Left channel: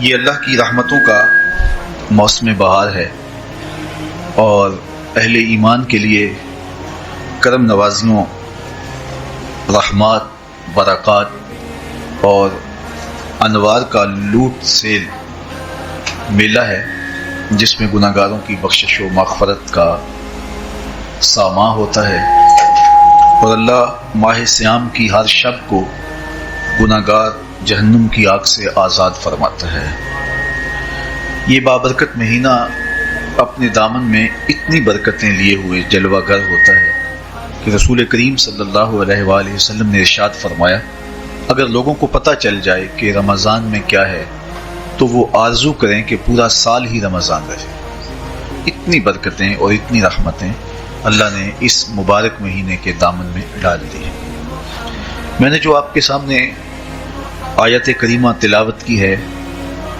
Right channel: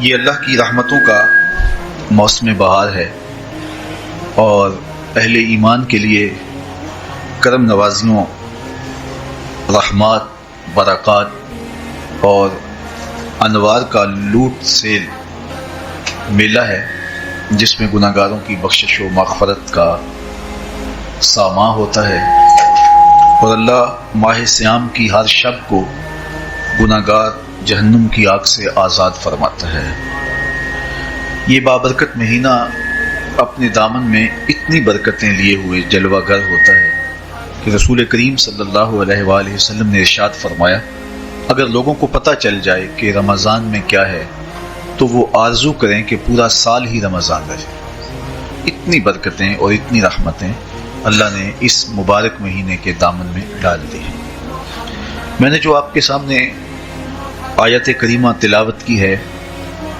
یہ اللہ کی رحمتوں کا موسم بہار ہے اور اہل ایمان کے لیے کرم نوازیوں، رحمات، برکات اور انوار کا لوٹ سے میلہ ہے، جس میں گناہ گاروں کی بخشش و مغفرت کا ساماں ہوتا ہے اور اللہ ماہ صیام کی ہر شب کو گناہ گار جہنم کی آگ سے آزاد فرماتا ہے۔ یہ بابرکت مہینہ اپنے دامن میں اتنی برکتیں لیے ہوئے جلوہ گر ہوتا ہے کہ رسول کریم صلی اللہ علیہ وآلہ وسلم نے ارشاد فرمایا، اگر لوگوں کو پتہ چل جائے کہ رمضان میں کیا ہے تو وہ آرزو کریں کہ پورا سال ہی رمضان رہے۔ اتنی برکتیں اور اتنی رحمتیں اللہ نے اس مبارک مہینے کے دامن میں ڈال دی۔ میں نے جو آپ کے سامنے آیت کریمہ تلاوت کی ہے،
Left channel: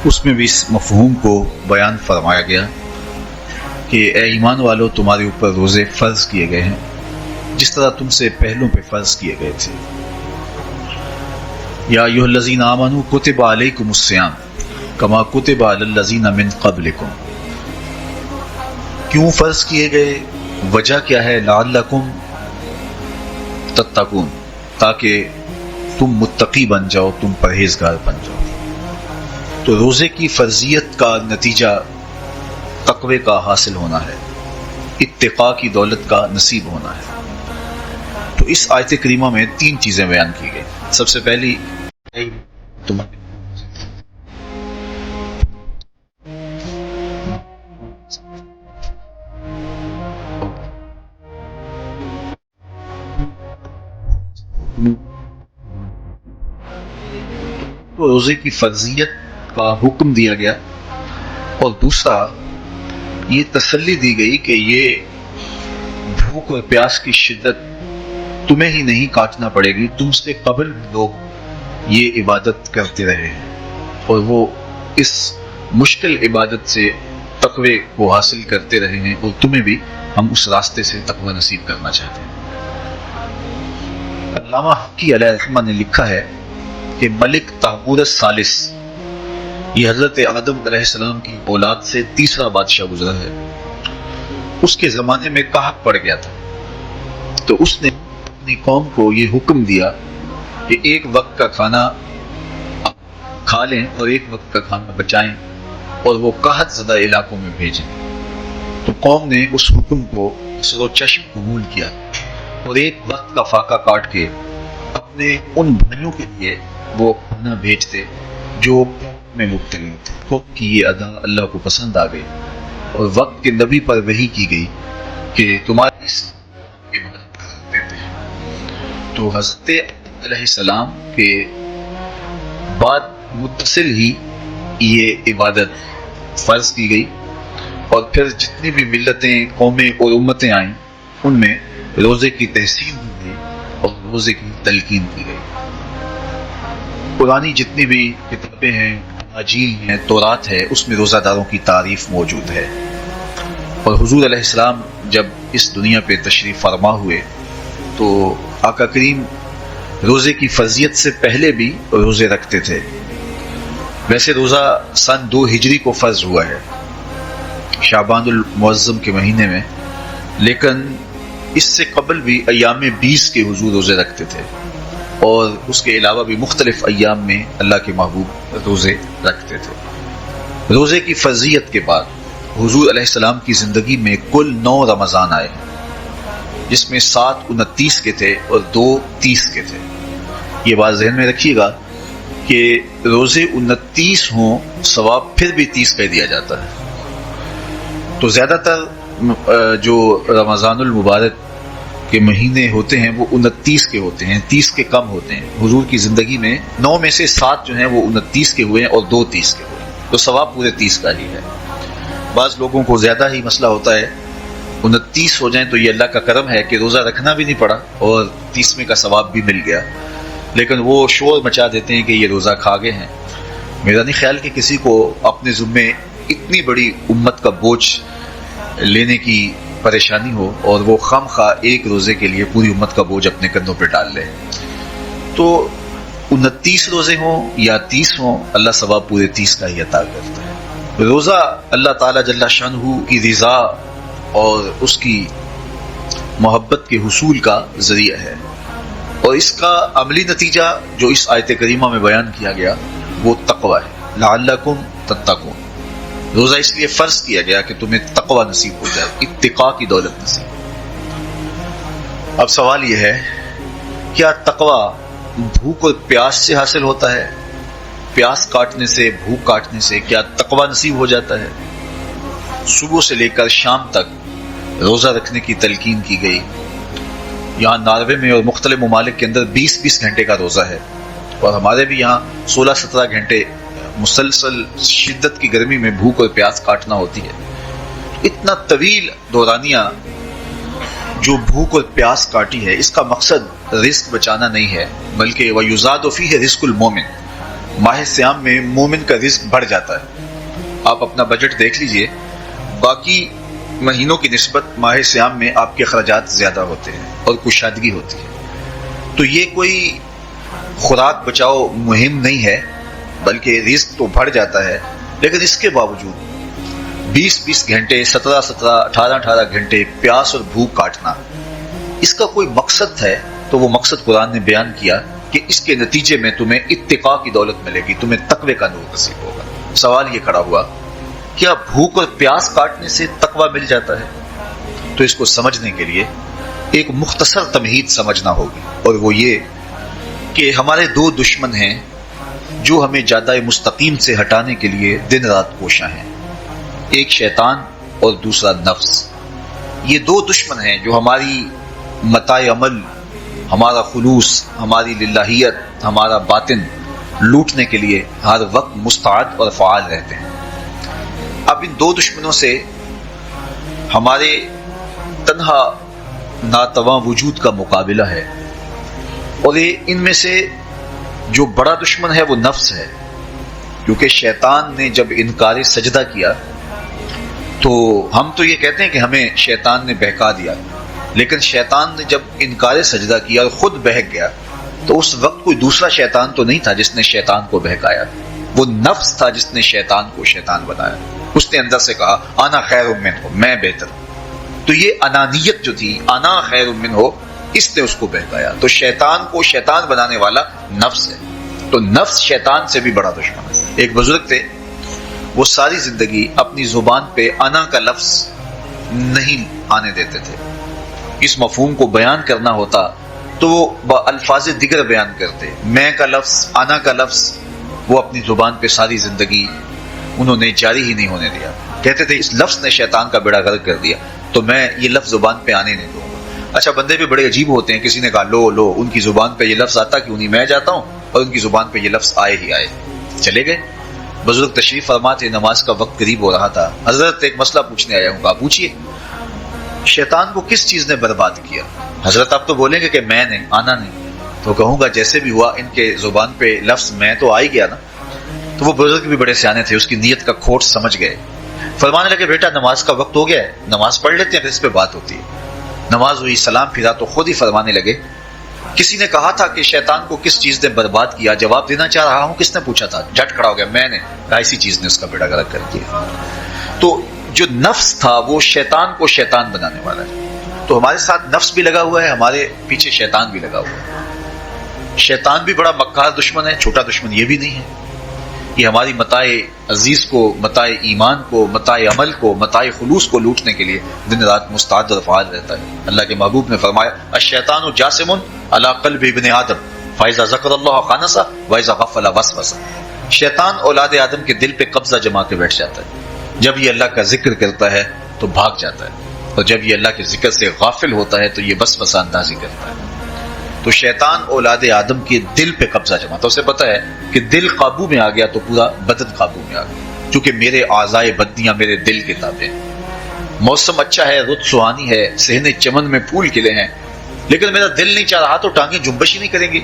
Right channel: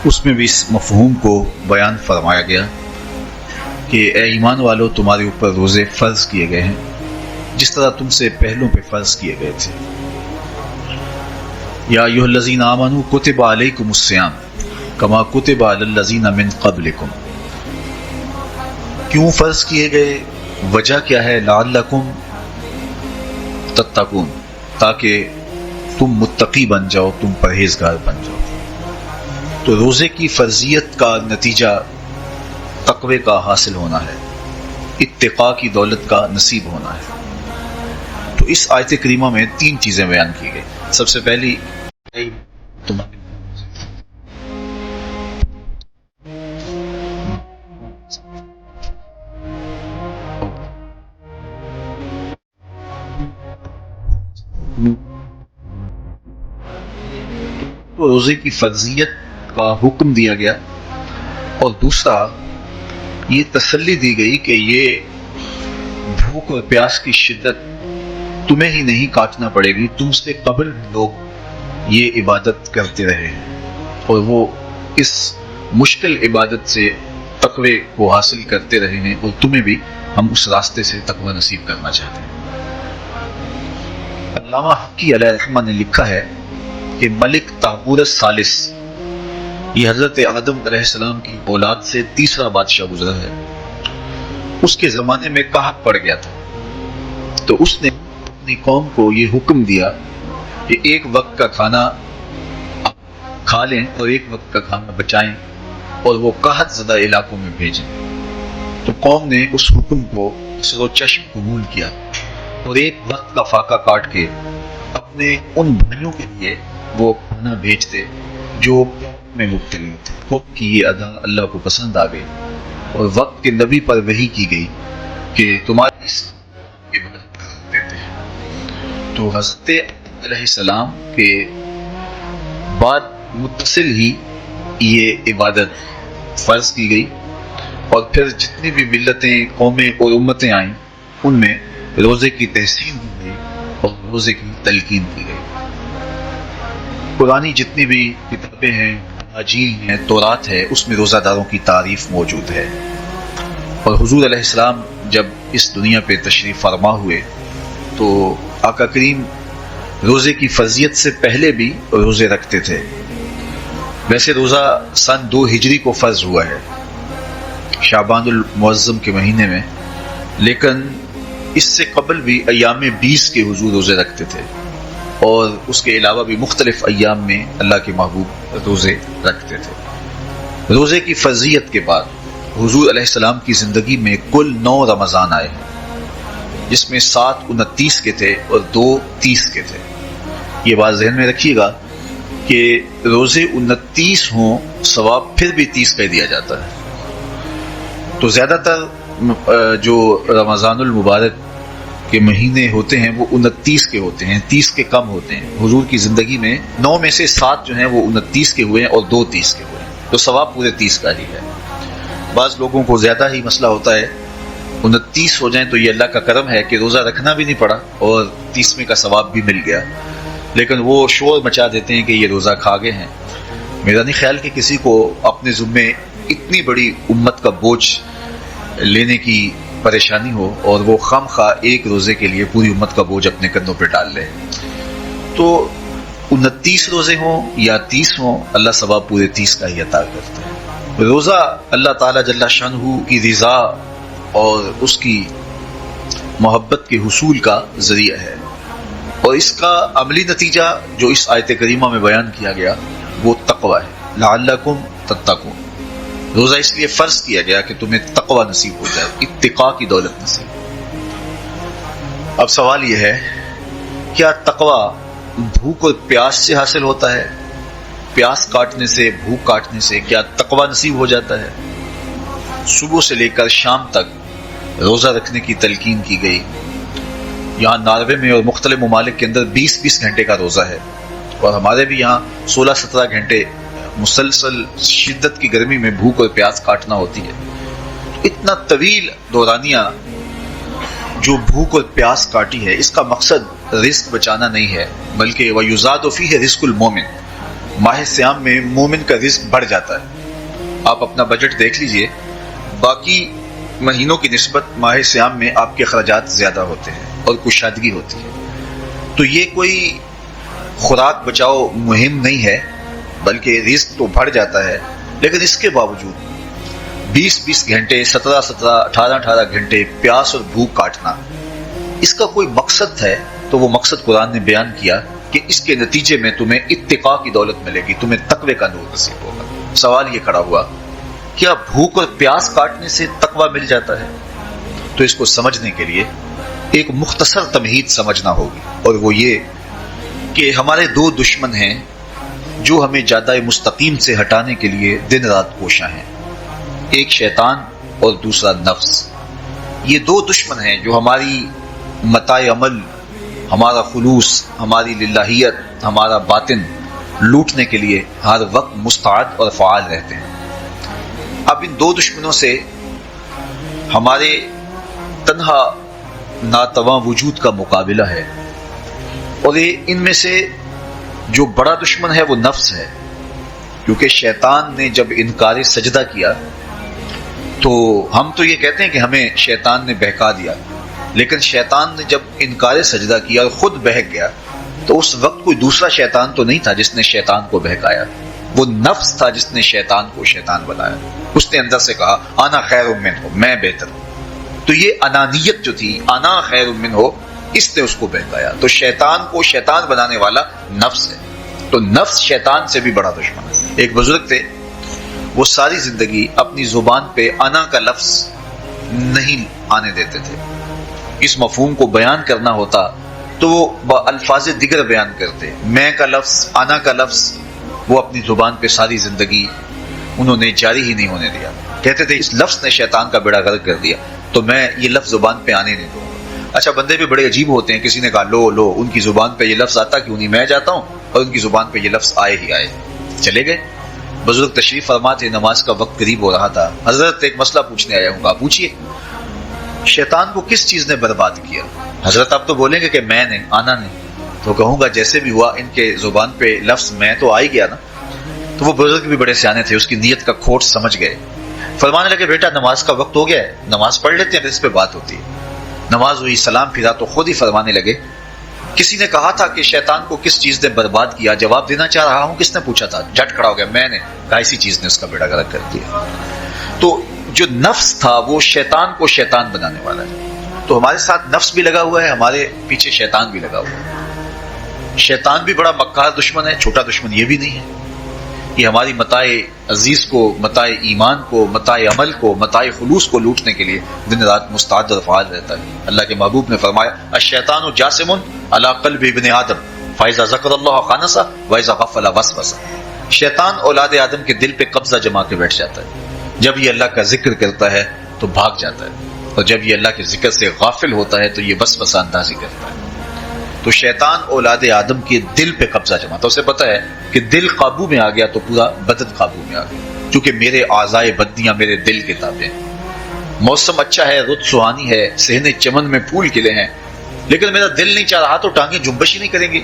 اس میں بھی اس مفہوم کو بیان فرمایا گیا کہ اے ایمان والو، تمہارے اوپر روزے فرض کیے گئے ہیں جس طرح تم سے پہلوں پہ فرض کیے گئے تھے۔ یا ایھا الذین آمنوا کتب علیکم الصیام کما کتب علی الذین من قبلکم۔ کیوں فرض کیے گئے؟ وجہ کیا ہے؟ لعلکم تتقون، تاکہ تم متقی بن جاؤ، تم پرہیزگار بن جاؤ۔ تو روزے کی فرضیت کا نتیجہ تقوی کا حاصل ہونا ہے، اتقاء کی دولت کا نصیب ہونا ہے۔ تو اس آیت کریمہ میں 3 چیزیں بیان کی گئی۔ سب سے پہلی روزے کی فرضیت کا حکم دیا گیا، اور دوسرا یہ تسلی دی گئی کہ یہ بھوک اور پیاس کی شدت تمہیں ہی نہیں کاٹنا پڑے گی، تم سے قبل لوگ یہ عبادت کرتے رہے اور وہ اس مشکل عبادت سے تقوی کو حاصل کرتے رہے ہیں، اور تمہیں بھی ہم اس راستے سے تقوی نصیب کرنا چاہتے ہیں۔ علامہ حقی علیہ الرحمہ نے لکھا ہے کہ ملک طاغور الثالث، یہ حضرت آدم علیہ السلام کی اولاد سے تیسرا بادشاہ گزرا ہے، اس کے زمانے میں قحط پڑ گیا تھا، تو اس نے اپنی قوم کو یہ حکم دیا کہ ایک وقت کا کھانا کھا لیں اور ایک وقت کا کھانا بچائیں اور وہ قحط زدہ علاقوں میں بھیجیں۔ تو قوم نے اس حکم کو سر و چشم قبول کیا اور ایک وقت کا فاقہ کاٹ کے اپنے ان بھائیوں کے لیے وہ کھانا بھیجتے جو میں مبتلا تھے۔ وقت کی یہ ادا اللہ کو پسند آ گئی اور وقت کے نبی پر وحی کی گئی کہ تمہاری اس کی مدد کر دیتے ہیں۔ تو حضرت علیہ السلام کے بعد متصل ہی یہ عبادت فرض کی گئی، اور پھر جتنی بھی ملتیں، قومیں اور امتیں آئیں، ان میں روزے کی تحسین اور روزے کی تلقین کی گئی۔ پرانی جتنی بھی کتابیں ہیں، اناجیل ہیں، تورات ہے، اس میں روزہ داروں کی تعریف موجود ہے۔ اور حضور علیہ السلام جب اس دنیا پہ تشریف فرما ہوئے تو آقا کریم روزے کی فرضیت سے پہلے بھی روزے رکھتے تھے۔ ویسے روزہ سن 2 ہجری کو فرض ہوا ہے، شعبان المعظم کے مہینے میں، لیکن اس سے قبل بھی ایام 20 کے حضور روزے رکھتے تھے، اور اس کے علاوہ بھی مختلف ایام میں اللہ کے محبوب روزے رکھتے تھے۔ روزے کی فرضیت کے بعد حضور علیہ السلام کی زندگی میں کل 9 رمضان آئے ہیں، جس میں 7 29 کے تھے اور 2 30 کے تھے۔ یہ بات ذہن میں رکھیے گا کہ روزے 29 ہوں، ثواب پھر بھی 30 کا دیا جاتا ہے۔ تو زیادہ تر جو رمضان المبارک کے مہینے ہوتے ہیں وہ 29 کے ہوتے ہیں، 30 کے کم ہوتے ہیں۔ حضور کی زندگی میں 9 میں سے 7 جو ہیں وہ 29 کے ہوئے ہیں اور 2 30 کے ہوئے ہیں، تو ثواب پورے 30 کا ہی ہے۔ بعض لوگوں کو زیادہ ہی مسئلہ ہوتا ہے، 29 ہو جائیں تو یہ اللہ کا کرم ہے کہ روزہ رکھنا بھی نہیں پڑا اور 30 کا ثواب بھی مل گیا، لیکن وہ شور مچا دیتے ہیں کہ یہ روزہ کھا گئے ہیں۔ میرا نہیں خیال کہ کسی کو اپنے ذمے اتنی بڑی امت کا بوجھ لینے کی پریشانی ہو اور وہ خام خواہ ایک روزے کے لیے پوری امت کا بوجھ اپنے کندھوں پہ ڈال لے۔ تو 29 روزے ہوں یا 30 ہوں، اللہ ثواب پورے 30 کا ہی عطا کرتا ہے۔ روزہ اللہ تعالیٰ جل شانہ کی رضا اور اس کی محبت کے حصول کا ذریعہ ہے، اور اس کا عملی نتیجہ جو اس آیت کریمہ میں بیان کیا گیا وہ تقوی ہے، لعلکم تتقون۔ روزہ اس لیے فرض کیا گیا کہ تمہیں تقوی نصیب ہو جائے، اتقاء کی دولت نصیب۔ اب سوال یہ ہے، کیا تقوی بھوک اور پیاس سے حاصل ہوتا ہے؟ پیاس کاٹنے سے، بھوک کاٹنے سے کیا تقوی نصیب ہو جاتا ہے؟ صبح سے لے کر شام تک روزہ رکھنے کی تلقین کی گئی۔ یہاں ناروے میں اور مختلف ممالک کے اندر 20 گھنٹے کا روزہ ہے، اور ہمارے بھی یہاں 16-17 گھنٹے مسلسل شدت کی گرمی میں بھوک اور پیاس کاٹنا ہوتی ہے۔ اتنا طویل دورانیہ جو بھوک اور پیاس کاٹی ہے، اس کا مقصد رزق بچانا نہیں ہے، بلکہ وَيُزَادُ فِيهِ رِزْقُ الْمُؤْمِنِ، ماہ سیام میں مومن کا رزق بڑھ جاتا ہے۔ آپ اپنا بجٹ دیکھ لیجئے، باقی مہینوں کی نسبت ماہ سیام میں آپ کے اخراجات زیادہ ہوتے ہیں اور کشادگی ہوتی ہے، تو یہ کوئی خوراک بچاؤ مہم نہیں ہے، بلکہ رزق تو بڑھ جاتا ہے۔ لیکن اس کے باوجود 20 گھنٹے، 17 18 گھنٹے پیاس اور بھوک کاٹنا، اس کا کوئی مقصد ہے تو وہ مقصد قرآن نے بیان کیا کہ اس کے نتیجے میں تمہیں اتقاء کی دولت ملے گی، تمہیں تقوی کا نور نصیب ہوگا۔ سوال یہ کھڑا ہوا، کیا بھوک اور پیاس کاٹنے سے تقوی مل جاتا ہے؟ تو اس کو سمجھنے کے لیے ایک مختصر تمہید سمجھنا ہوگی، اور وہ یہ کہ ہمارے دو دشمن ہیں جو ہمیں جادہ مستقیم سے ہٹانے کے لیے دن رات کوشاں ہیں، ایک شیطان اور دوسرا نفس۔ یہ دو دشمن ہیں جو ہماری متاع عمل، ہمارا خلوص، ہماری للہیت، ہمارا باطن لوٹنے کے لیے ہر وقت مستعد اور فعال رہتے ہیں۔ اب ان دو دشمنوں سے ہمارے تنہا ناتواں وجود کا مقابلہ ہے، اور ان میں سے جو بڑا دشمن ہے وہ نفس ہے، کیونکہ شیطان نے جب انکار سجدہ کیا تو ہم تو یہ کہتے ہیں کہ ہمیں شیطان نے بہکا دیا، لیکن شیطان نے جب انکار سجدہ کیا اور خود بہک گیا تو اس وقت کوئی دوسرا شیطان تو نہیں تھا جس نے شیطان کو بہکایا، وہ نفس تھا جس نے شیطان کو شیطان بنایا۔ اس نے اندر سے کہا انا خیر منہ، میں بہتر ہوں۔ تو یہ انانیت جو تھی، انا خیر منہ، اس نے اس کو بہکایا۔ تو شیطان کو شیطان بنانے والا نفس ہے، تو نفس شیطان سے بھی بڑا دشمن ہے۔ ایک بزرگ تھے، وہ ساری زندگی اپنی زبان پہ انا کا لفظ نہیں آنے دیتے تھے۔ اس مفہوم کو بیان کرنا ہوتا تو وہ الفاظ دیگر بیان کرتے، میں کا لفظ، انا کا لفظ، وہ اپنی زبان پہ ساری زندگی انہوں نے جاری ہی نہیں ہونے دیا۔ کہتے تھے اس لفظ نے شیطان کا بیڑا غرق کر دیا، تو میں یہ لفظ زبان پہ آنے نہیں دوں۔ اچھا، بندے بھی بڑے عجیب ہوتے ہیں، کسی نے کہا لو ان کی زبان پہ یہ لفظ آتا کیوں نہیں، میں جاتا ہوں اور ان کی زبان پہ یہ لفظ آئے ہی آئے۔ چلے گئے، بزرگ تشریف فرما تھے، نماز کا وقت قریب ہو رہا تھا۔ حضرت ایک مسئلہ پوچھنے آیا ہوں، آپ پوچھیے شیطان کو کس چیز نے برباد کیا؟ حضرت آپ تو بولیں گے کہ میں نے، آنا نہیں، تو کہوں گا جیسے بھی ہوا ان کے زبان پہ لفظ میں تو آ ہی گیا نا۔ تو وہ بزرگ بھی بڑے سیانے تھے، اس کی نیت کا کھوٹ سمجھ گئے، فرمانے لگے بیٹا نماز کا وقت ہو گیا ہے، نماز پڑھ لیتے ہیں، اس پہ بات ہوتی ہے۔ نماز ہوئی، سلام پھرا تو خود ہی فرمانے لگے کسی نے کہا تھا کہ شیطان کو کس چیز نے برباد کیا، جواب دینا چاہ رہا ہوں، کس نے پوچھا تھا؟ جھٹ کھڑا ہو گیا، میں نے کہا اسی چیز نے اس کا بیڑا غرق کر دیا۔ تو جو نفس تھا وہ شیطان کو شیطان بنانے والا ہے، تو ہمارے ساتھ نفس بھی لگا ہوا ہے، ہمارے پیچھے شیطان بھی لگا ہوا ہے۔ شیطان بھی بڑا مکار دشمن ہے، چھوٹا دشمن یہ بھی نہیں ہے، کہ ہماری متاع عزیز کو، متاع ایمان کو، متاع عمل کو، متاع خلوص کو لوٹنے کے لیے دن رات مستعد اور فعال رہتا ہے۔ اللہ کے محبوب نے فرمایا الشیطان جاسم علی قلب ابن آدم فاذا ذکر اللہ خانس واذا غفل وسوس۔ شیطان اولاد آدم کے دل پہ قبضہ جما کے بیٹھ جاتا ہے، جب یہ اللہ کا ذکر کرتا ہے تو بھاگ جاتا ہے، اور جب یہ اللہ کے ذکر سے غافل ہوتا ہے تو یہ وسوسہ اندازی کرتا ہے۔ تو شیطان اولاد آدم کے دل پہ قبضہ جما، تو اسے پتا ہے کہ دل قابو میں آ گیا تو پورا بدن قابو میں آ گیا، کیونکہ میرے اعضائے بدنیاں میرے دل کے تابع ہیں۔ موسم اچھا ہے، رت سہانی ہے، صحن چمن میں پھول کھلے ہیں، لیکن میرا دل نہیں چاہ رہا تو ٹانگیں جنبش ہی نہیں کریں گی،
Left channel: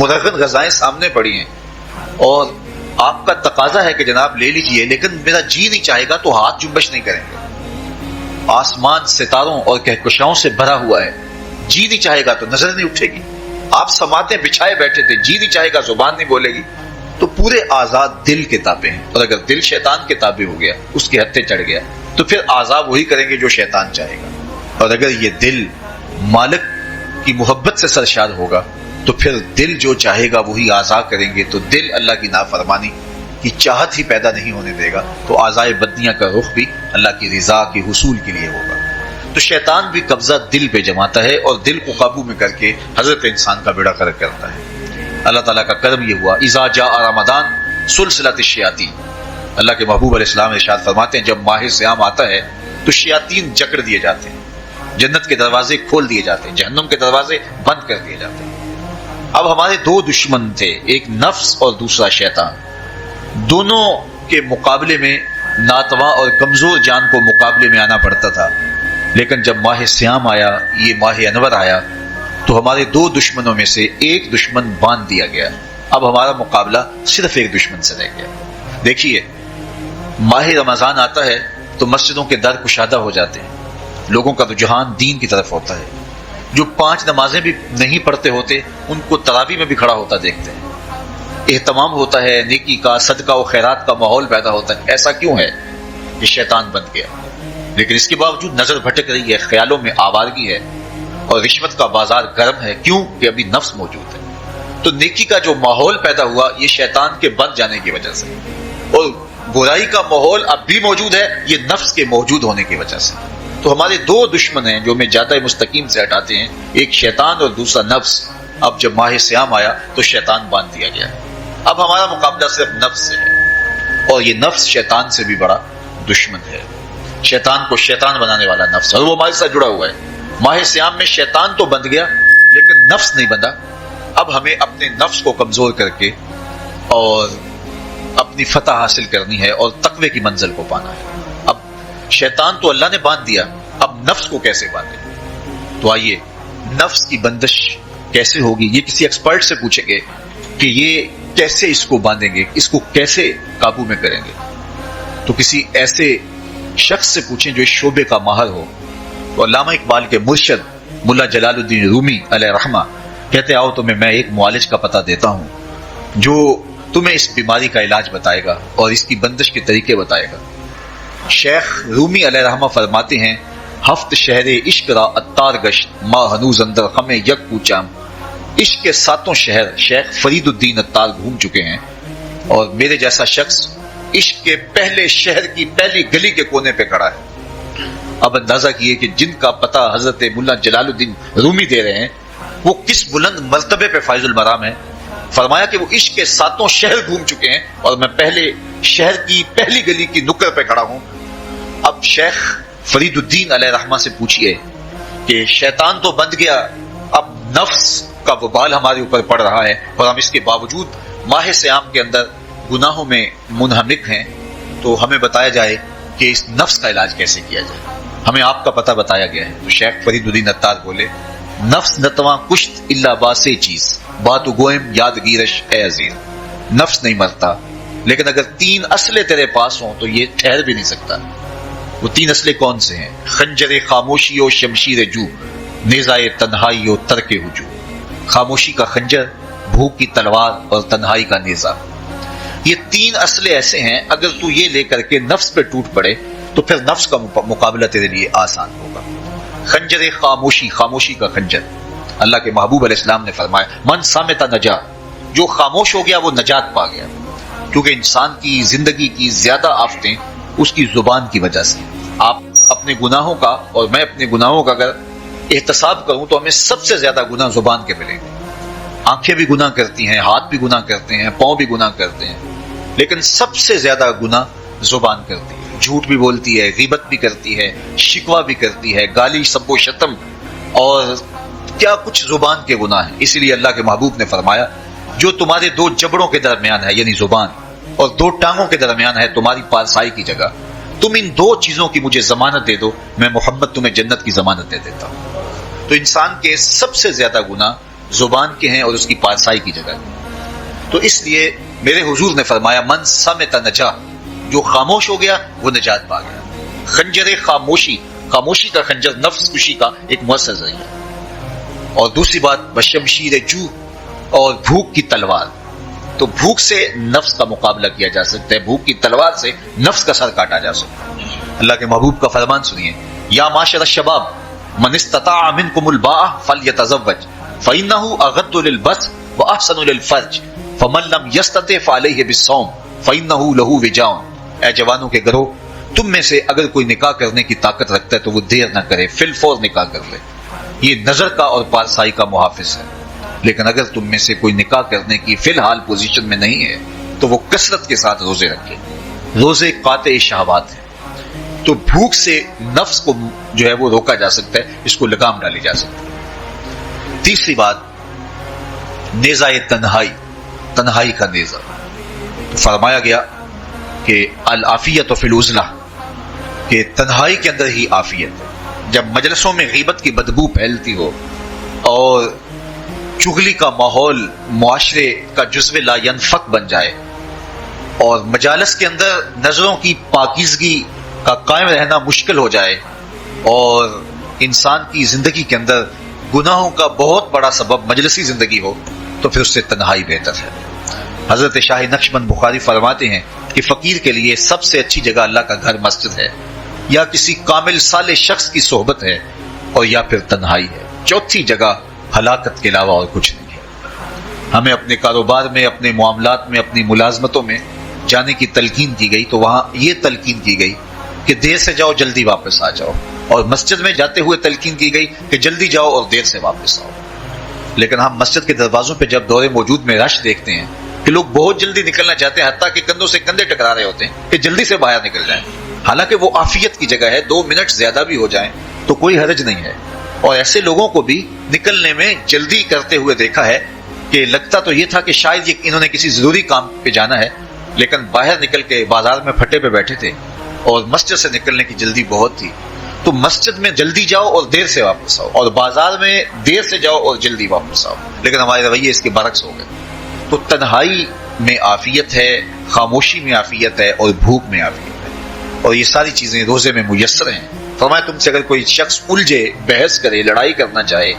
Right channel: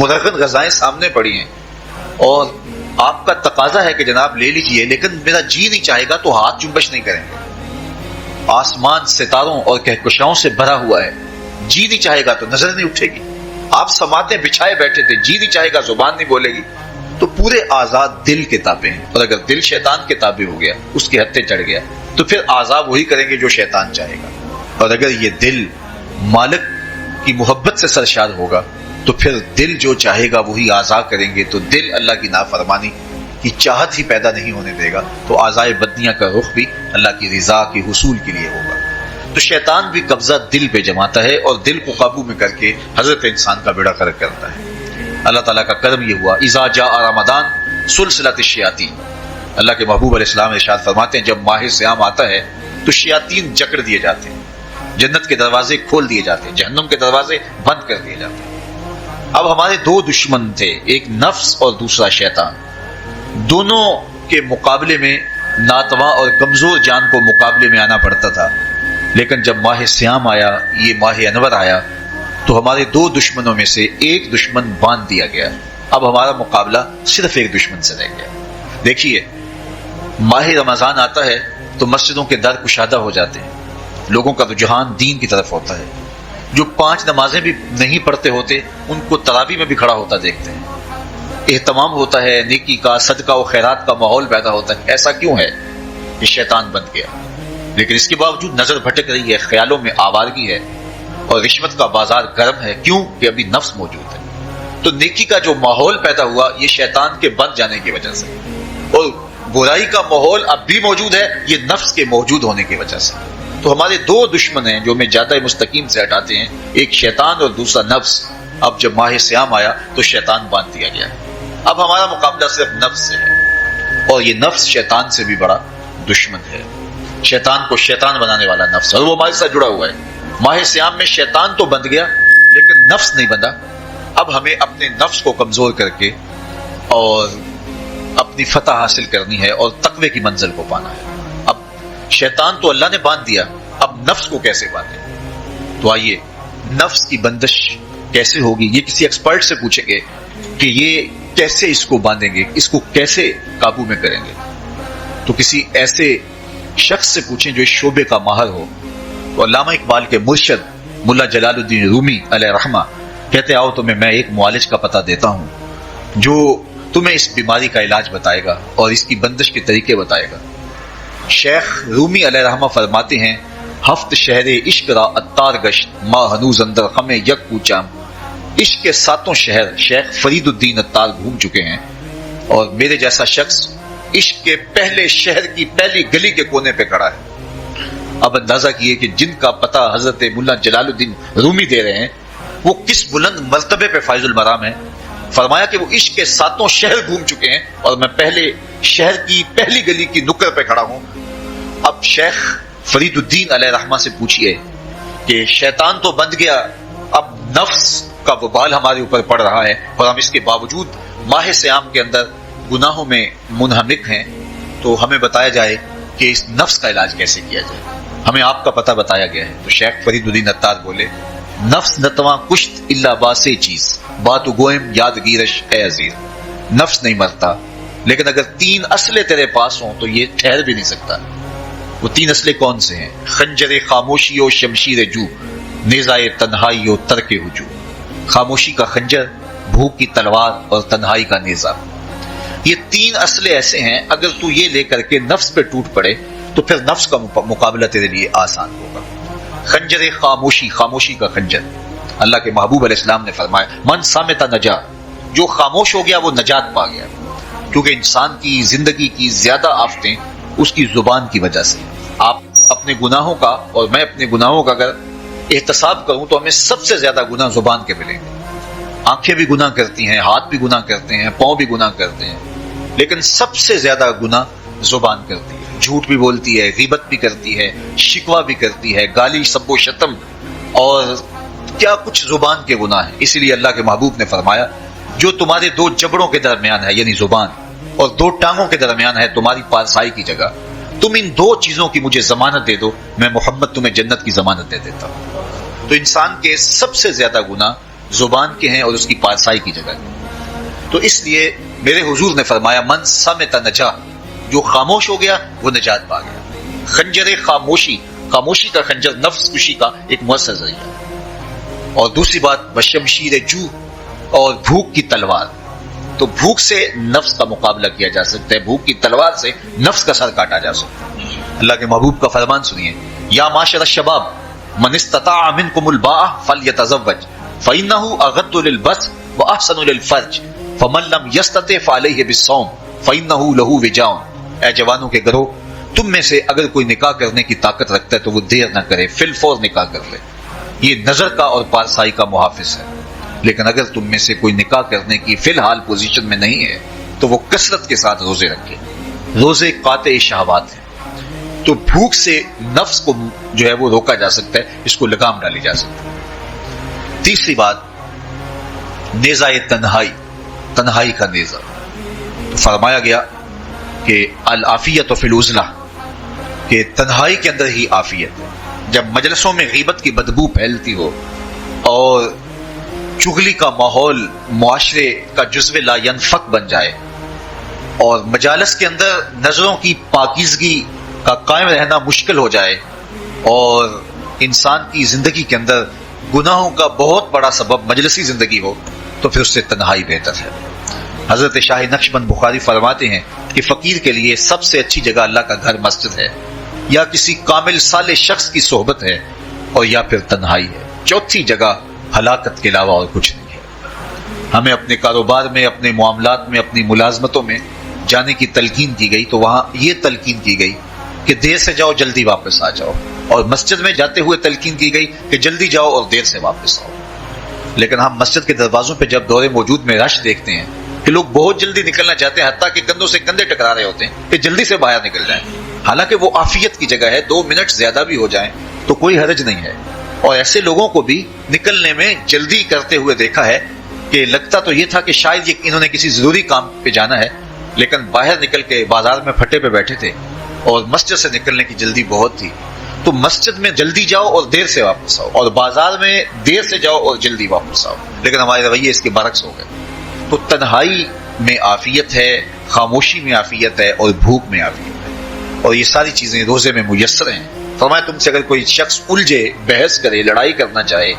منظم غذائیں سامنے پڑی ہیں اور آپ کا تقاضا ہے کہ جناب لے لیجئے، لیکن میرا جی نہیں چاہے گا تو ہاتھ جنبش نہیں کریں گے۔ آسمان ستاروں اور کہکشاؤں سے بھرا ہوا ہے، جی نہیں چاہے گا تو نظر نہیں اٹھے گی، آپ سماعتیں بچھائے بیٹھے تھے، جی نہیں چاہے گا، زبان نہیں بولے گی، تو پورے آزاد دل کے تابع ہیں، اور اگر دل شیطان کے تابع ہو گیا، اس کے ہتھے چڑھ گیا، تو پھر اعضاء وہی کریں گے جو شیطان چاہے گا۔ اور اگر یہ دل مالک کی محبت سے سرشار ہوگا تو پھر دل جو چاہے گا وہی اعضاء کریں گے، تو دل اللہ کی نافرمانی کی چاہت ہی پیدا نہیں ہونے دے گا، تو اعضاء بدنیہ کا رخ بھی اللہ کی رضا کے حصول کے لیے ہوگا۔ تو شیطان بھی قبضہ دل پہ جماتا ہے اور دل کو قابو میں کر کے حضرت انسان کا بیڑا غرق کرتا ہے۔ اللہ تعالیٰ کا کرم یہ ہوا، اذا جاء رمضان سلسلۃ الشیاطین، اللہ کے محبوب علیہ السلام ارشاد فرماتے ہیں جب ماہ صیام آتا ہے تو شیاطین جکڑ دیے جاتے ہیں، جنت کے دروازے کھول دیے جاتے ہیں، جہنم کے دروازے بند کر دیے جاتے ہیں۔ اب ہمارے دو دشمن تھے، ایک نفس اور دوسرا شیطان، دونوں کے مقابلے میں ناتواں اور کمزور جان کو مقابلے میں آنا پڑتا تھا، لیکن جب ماہ سیام آیا، یہ ماہ انور آیا، تو ہمارے دو دشمنوں میں سے ایک دشمن باندھ دیا گیا۔ اب ہمارا مقابلہ صرف ایک دشمن سے رہ گیا۔ دیکھیے، ماہ رمضان آتا ہے تو مسجدوں کے در کشادہ ہو جاتے ہیں، لوگوں کا رجحان دین کی طرف ہوتا ہے، جو 5 نمازیں بھی نہیں پڑھتے ہوتے ان کو تراویح میں بھی کھڑا ہوتا دیکھتے ہیں، اہتمام ہوتا ہے، نیکی کا، صدقہ و خیرات کا ماحول پیدا ہوتا ہے۔ ایسا کیوں ہے کہ شیطان بن گیا؟ لیکن اس کے باوجود نظر بھٹک رہی ہے، خیالوں میں آوارگی ہے اور رشوت کا بازار گرم ہے، کیوں کہ ابھی نفس موجود ہے۔ تو نیکی کا جو ماحول پیدا ہوا یہ شیطان کے بن جانے کی وجہ سے، اور برائی کا ماحول اب بھی موجود ہے یہ نفس کے موجود ہونے کی وجہ سے۔ تو ہمارے دو دشمن ہیں جو ہمیں جادہ مستقیم سے ہٹاتے ہیں، ایک شیطان اور دوسرا نفس۔ اب جب ماہ سیام آیا تو شیطان باندھ دیا گیا، اب ہمارا مقابلہ صرف نفس ہے، اور یہ نفس شیطان سے بھی بڑا دشمن ہے۔ شیطان کو شیطان بنانے والا نفس، اور وہ ہمارے ساتھ جڑا ہوا ہے۔ ماہ سیام میں شیطان تو بند گیا لیکن نفس نہیں بنا۔ اب ہمیں اپنے نفس کو کمزور کر کے اور اپنی فتح حاصل کرنی ہے اور تقوی کی منزل کو پانا ہے۔ اب شیطان تو اللہ نے باندھ دیا، اب نفس کو کیسے باندھیں؟ تو آئیے، نفس کی بندش کیسے ہوگی یہ کسی ایکسپرٹ سے پوچھیں گے کہ یہ کیسے اس کو باندھیں گے، اس کو کیسے قابو میں کریں گے۔ تو کسی ایسے شخص سے پوچھیں جو اس شعبے کا ماہر ہو۔ تو علامہ اقبال کے مرشد ملا جلال الدین رومی علیہ رحمہ کہتے آؤ تمہیں میں ایک معالج کا پتہ دیتا ہوں جو تمہیں اس بیماری کا علاج بتائے گا اور اس کی بندش کے طریقے بتائے گا۔ شیخ رومی علیہ رحمہ فرماتے ہیں ہفت شہر عشق را اتار گشت ماں ہنوز اندر خم یک کوچام۔ عشق کے 7 شہر شیخ فرید الدین اتار گھوم چکے ہیں، اور میرے جیسا شخص عشق کے پہلے شہر کی پہلی گلی کے کونے پہ کھڑا ہے۔ اب اندازہ کیے کہ جن کا پتہ حضرت ملا جلال الدین رومی دے رہے ہیں وہ کس بلند مرتبے پہ فائز المرام ہے۔ فرمایا کہ وہ عشق کے 7 شہر گھوم چکے ہیں اور میں پہلے شہر کی پہلی گلی کی نکڑ پہ کھڑا ہوں۔ اب شیخ فرید الدین علیہ رحمہ سے پوچھ رہے ہیں کہ شیطان تو بند گیا، اب نفس کا وبال ہمارے اوپر پڑ رہا ہے اور ہم اس کے باوجود ماہ سیام کے اندر گناہوں میں منہمک ہیں، تو ہمیں بتایا جائے کہ اس نفس کا علاج کیسے کیا جائے۔ ہمیں آپ کا پتہ بتایا گیا ہے۔ تو شیخ فرید الدین اتار بولے نفس نتواں کشت اللہ باسی چیز باتو گوئم یادگیرش اے عزیز۔ نفس نہیں مرتا، لیکن اگر 3 اسلحے تیرے پاس ہوں تو یہ ٹھہر بھی نہیں سکتا۔ وہ 3 اسلحے کون سے ہیں؟ خنجر خاموشی و شمشیر جو، نیزائے تنہائی و ترک ہجوم۔ خاموشی کا خنجر، بھوک کی تلوار اور تنہائی کا نیزہ۔ یہ 3 اسلحے ایسے ہیں اگر تو یہ لے کر کے نفس پہ ٹوٹ پڑے تو پھر نفس کا مقابلہ تیرے لیے آسان ہوگا۔ خنجر خاموشی، خاموشی کا خنجر۔ اللہ کے محبوب علیہ السلام نے فرمایا من صامت نجا، جو خاموش ہو گیا وہ نجات پا گیا، کیونکہ انسان کی زندگی کی زیادہ آفتیں اس کی زبان کی وجہ سے۔ آپ اپنے گناہوں کا اور میں اپنے گناہوں کا اگر احتساب کروں تو ہمیں سب سے زیادہ گناہ زبان کے ملیں گے۔ آنکھیں بھی گناہ کرتی ہیں، ہاتھ بھی گناہ کرتے ہیں، پاؤں بھی گناہ کرتے ہیں، لیکن سب سے زیادہ گناہ زبان کرتی ہے۔ جھوٹ بھی بولتی ہے، غیبت بھی کرتی ہے، شکوہ بھی کرتی ہے، گالی سب و شتم اور کیا کچھ زبان کے گناہ ہیں۔ اس لیے اللہ کے محبوب نے فرمایا جو تمہارے 2 جبڑوں کے درمیان ہے یعنی زبان اور 2 ٹانگوں کے درمیان ہے تمہاری پارسائی کی جگہ، تم ان 2 چیزوں کی مجھے ضمانت دے دو، میں محمد تمہیں جنت کی ضمانت دے دیتا ہوں۔ تو انسان کے سب سے زیادہ گناہ زبان کے ہیں اور اس کی پارسائی کی جگہ۔ تو اس لیے میرے حضور نے فرمایا من صامت نجا، جو خاموش ہو گیا وہ نجات پا گیا۔ خنجر خاموشی، خاموشی کا خنجر نفس کشی کا ایک مؤثر ذریعہ ہے۔ اور دوسری بات بشمشیر جو اور بھوک کی تلوار. تو بھوک سے نفس کا مقابلہ کیا جا سکتا ہے, بھوک کی تلوار سے نفس کا سر کاٹا جا سکتا ہے. اللہ کے محبوب کا فرمان سنیے, یا معاشر الشباب من استطاع منکم الباء فلیتزوج فإنه اغض للبصر واحسن للفرج فمن لم يستطع فعليه بالصوم فإنه له وجاء. اے جوانوں کے کرو, تم میں سے اگر کوئی نکاح کرنے کی طاقت رکھتا ہے تو وہ دیر نہ کرے, فی الفور نکاح کر لے. یہ نظر کا اور پارسائی کا محافظ ہے. لیکن اگر تم میں سے کوئی نکاح کرنے کی فی الحال پوزیشن میں نہیں ہے تو وہ کثرت کے ساتھ روزے رکھے. روزے قاطع شہوات ہیں. تو بھوک سے نفس کو جو ہے وہ روکا جا سکتا ہے, اس کو لگام ڈالی جا سکتی ہے. تیسری بات, نیزہ تنہائی, تنہائی کا نیزہ. تو فرمایا گیا کہ العافیت فی العزلہ, کہ تنہائی کے اندر ہی عافیت ہے. جب مجلسوں میں غیبت کی بدبو پھیلتی ہو اور چغلی کا ماحول معاشرے کا جزو لا ینفق بن جائے اور مجالس کے اندر نظروں کی پاکیزگی کا قائم رہنا مشکل ہو جائے اور انسان کی زندگی کے اندر گناہوں کا بہت بڑا سبب مجلسی زندگی ہو تو پھر اس سے تنہائی بہتر ہے. حضرت شاہ نقشبند بخاری فرماتے ہیں کہ فقیر کے لیے سب سے اچھی جگہ اللہ کا گھر مسجد ہے, یا کسی کامل صالح شخص کی صحبت ہے, اور یا پھر تنہائی ہے. چوتھی جگہ ہلاکت کے علاوہ اور کچھ نہیں ہے. ہمیں اپنے کاروبار میں, اپنے معاملات میں, اپنی ملازمتوں میں جانے کی تلقین کی گئی تو وہاں یہ تلقین کی گئی کہ دیر سے جاؤ جلدی واپس آ جاؤ, اور مسجد میں جاتے ہوئے تلقین کی گئی کہ جلدی جاؤ اور دیر سے واپس آؤ. لیکن ہم مسجد کے دروازوں پہ جب دور موجود میں رش دیکھتے ہیں کہ لوگ بہت جلدی نکلنا چاہتے ہیں, حتیٰ کہ کندھوں سے کندھے ٹکرا رہے ہوتے ہیں کہ جلدی سے باہر نکل جائیں, حالانکہ وہ عافیت کی جگہ ہے. 2 منٹ زیادہ بھی ہو جائیں تو کوئی حرج نہیں ہے. اور ایسے لوگوں کو بھی نکلنے میں جلدی کرتے ہوئے دیکھا ہے کہ لگتا تو یہ تھا کہ شاید انہوں نے کسی ضروری کام پہ جانا ہے, لیکن باہر نکل کے بازار میں پھٹے پہ بیٹھے تھے اور مسجد سے نکلنے کی جلدی بہت تھی. تو مسجد میں جلدی جاؤ اور دیر سے واپس آؤ, اور بازار میں دیر سے جاؤ اور جلدی واپس آؤ. لیکن ہمارے رویے اس کے برعکس ہو گئے. تو تنہائی میں عافیت ہے, خاموشی میں عافیت ہے, اور بھوک میں عافیت ہے, اور یہ ساری چیزیں روزے میں میسر ہیں. فرمایا تم سے اگر کوئی شخص الجھے, بحث کرے, لڑائی کرنا چاہے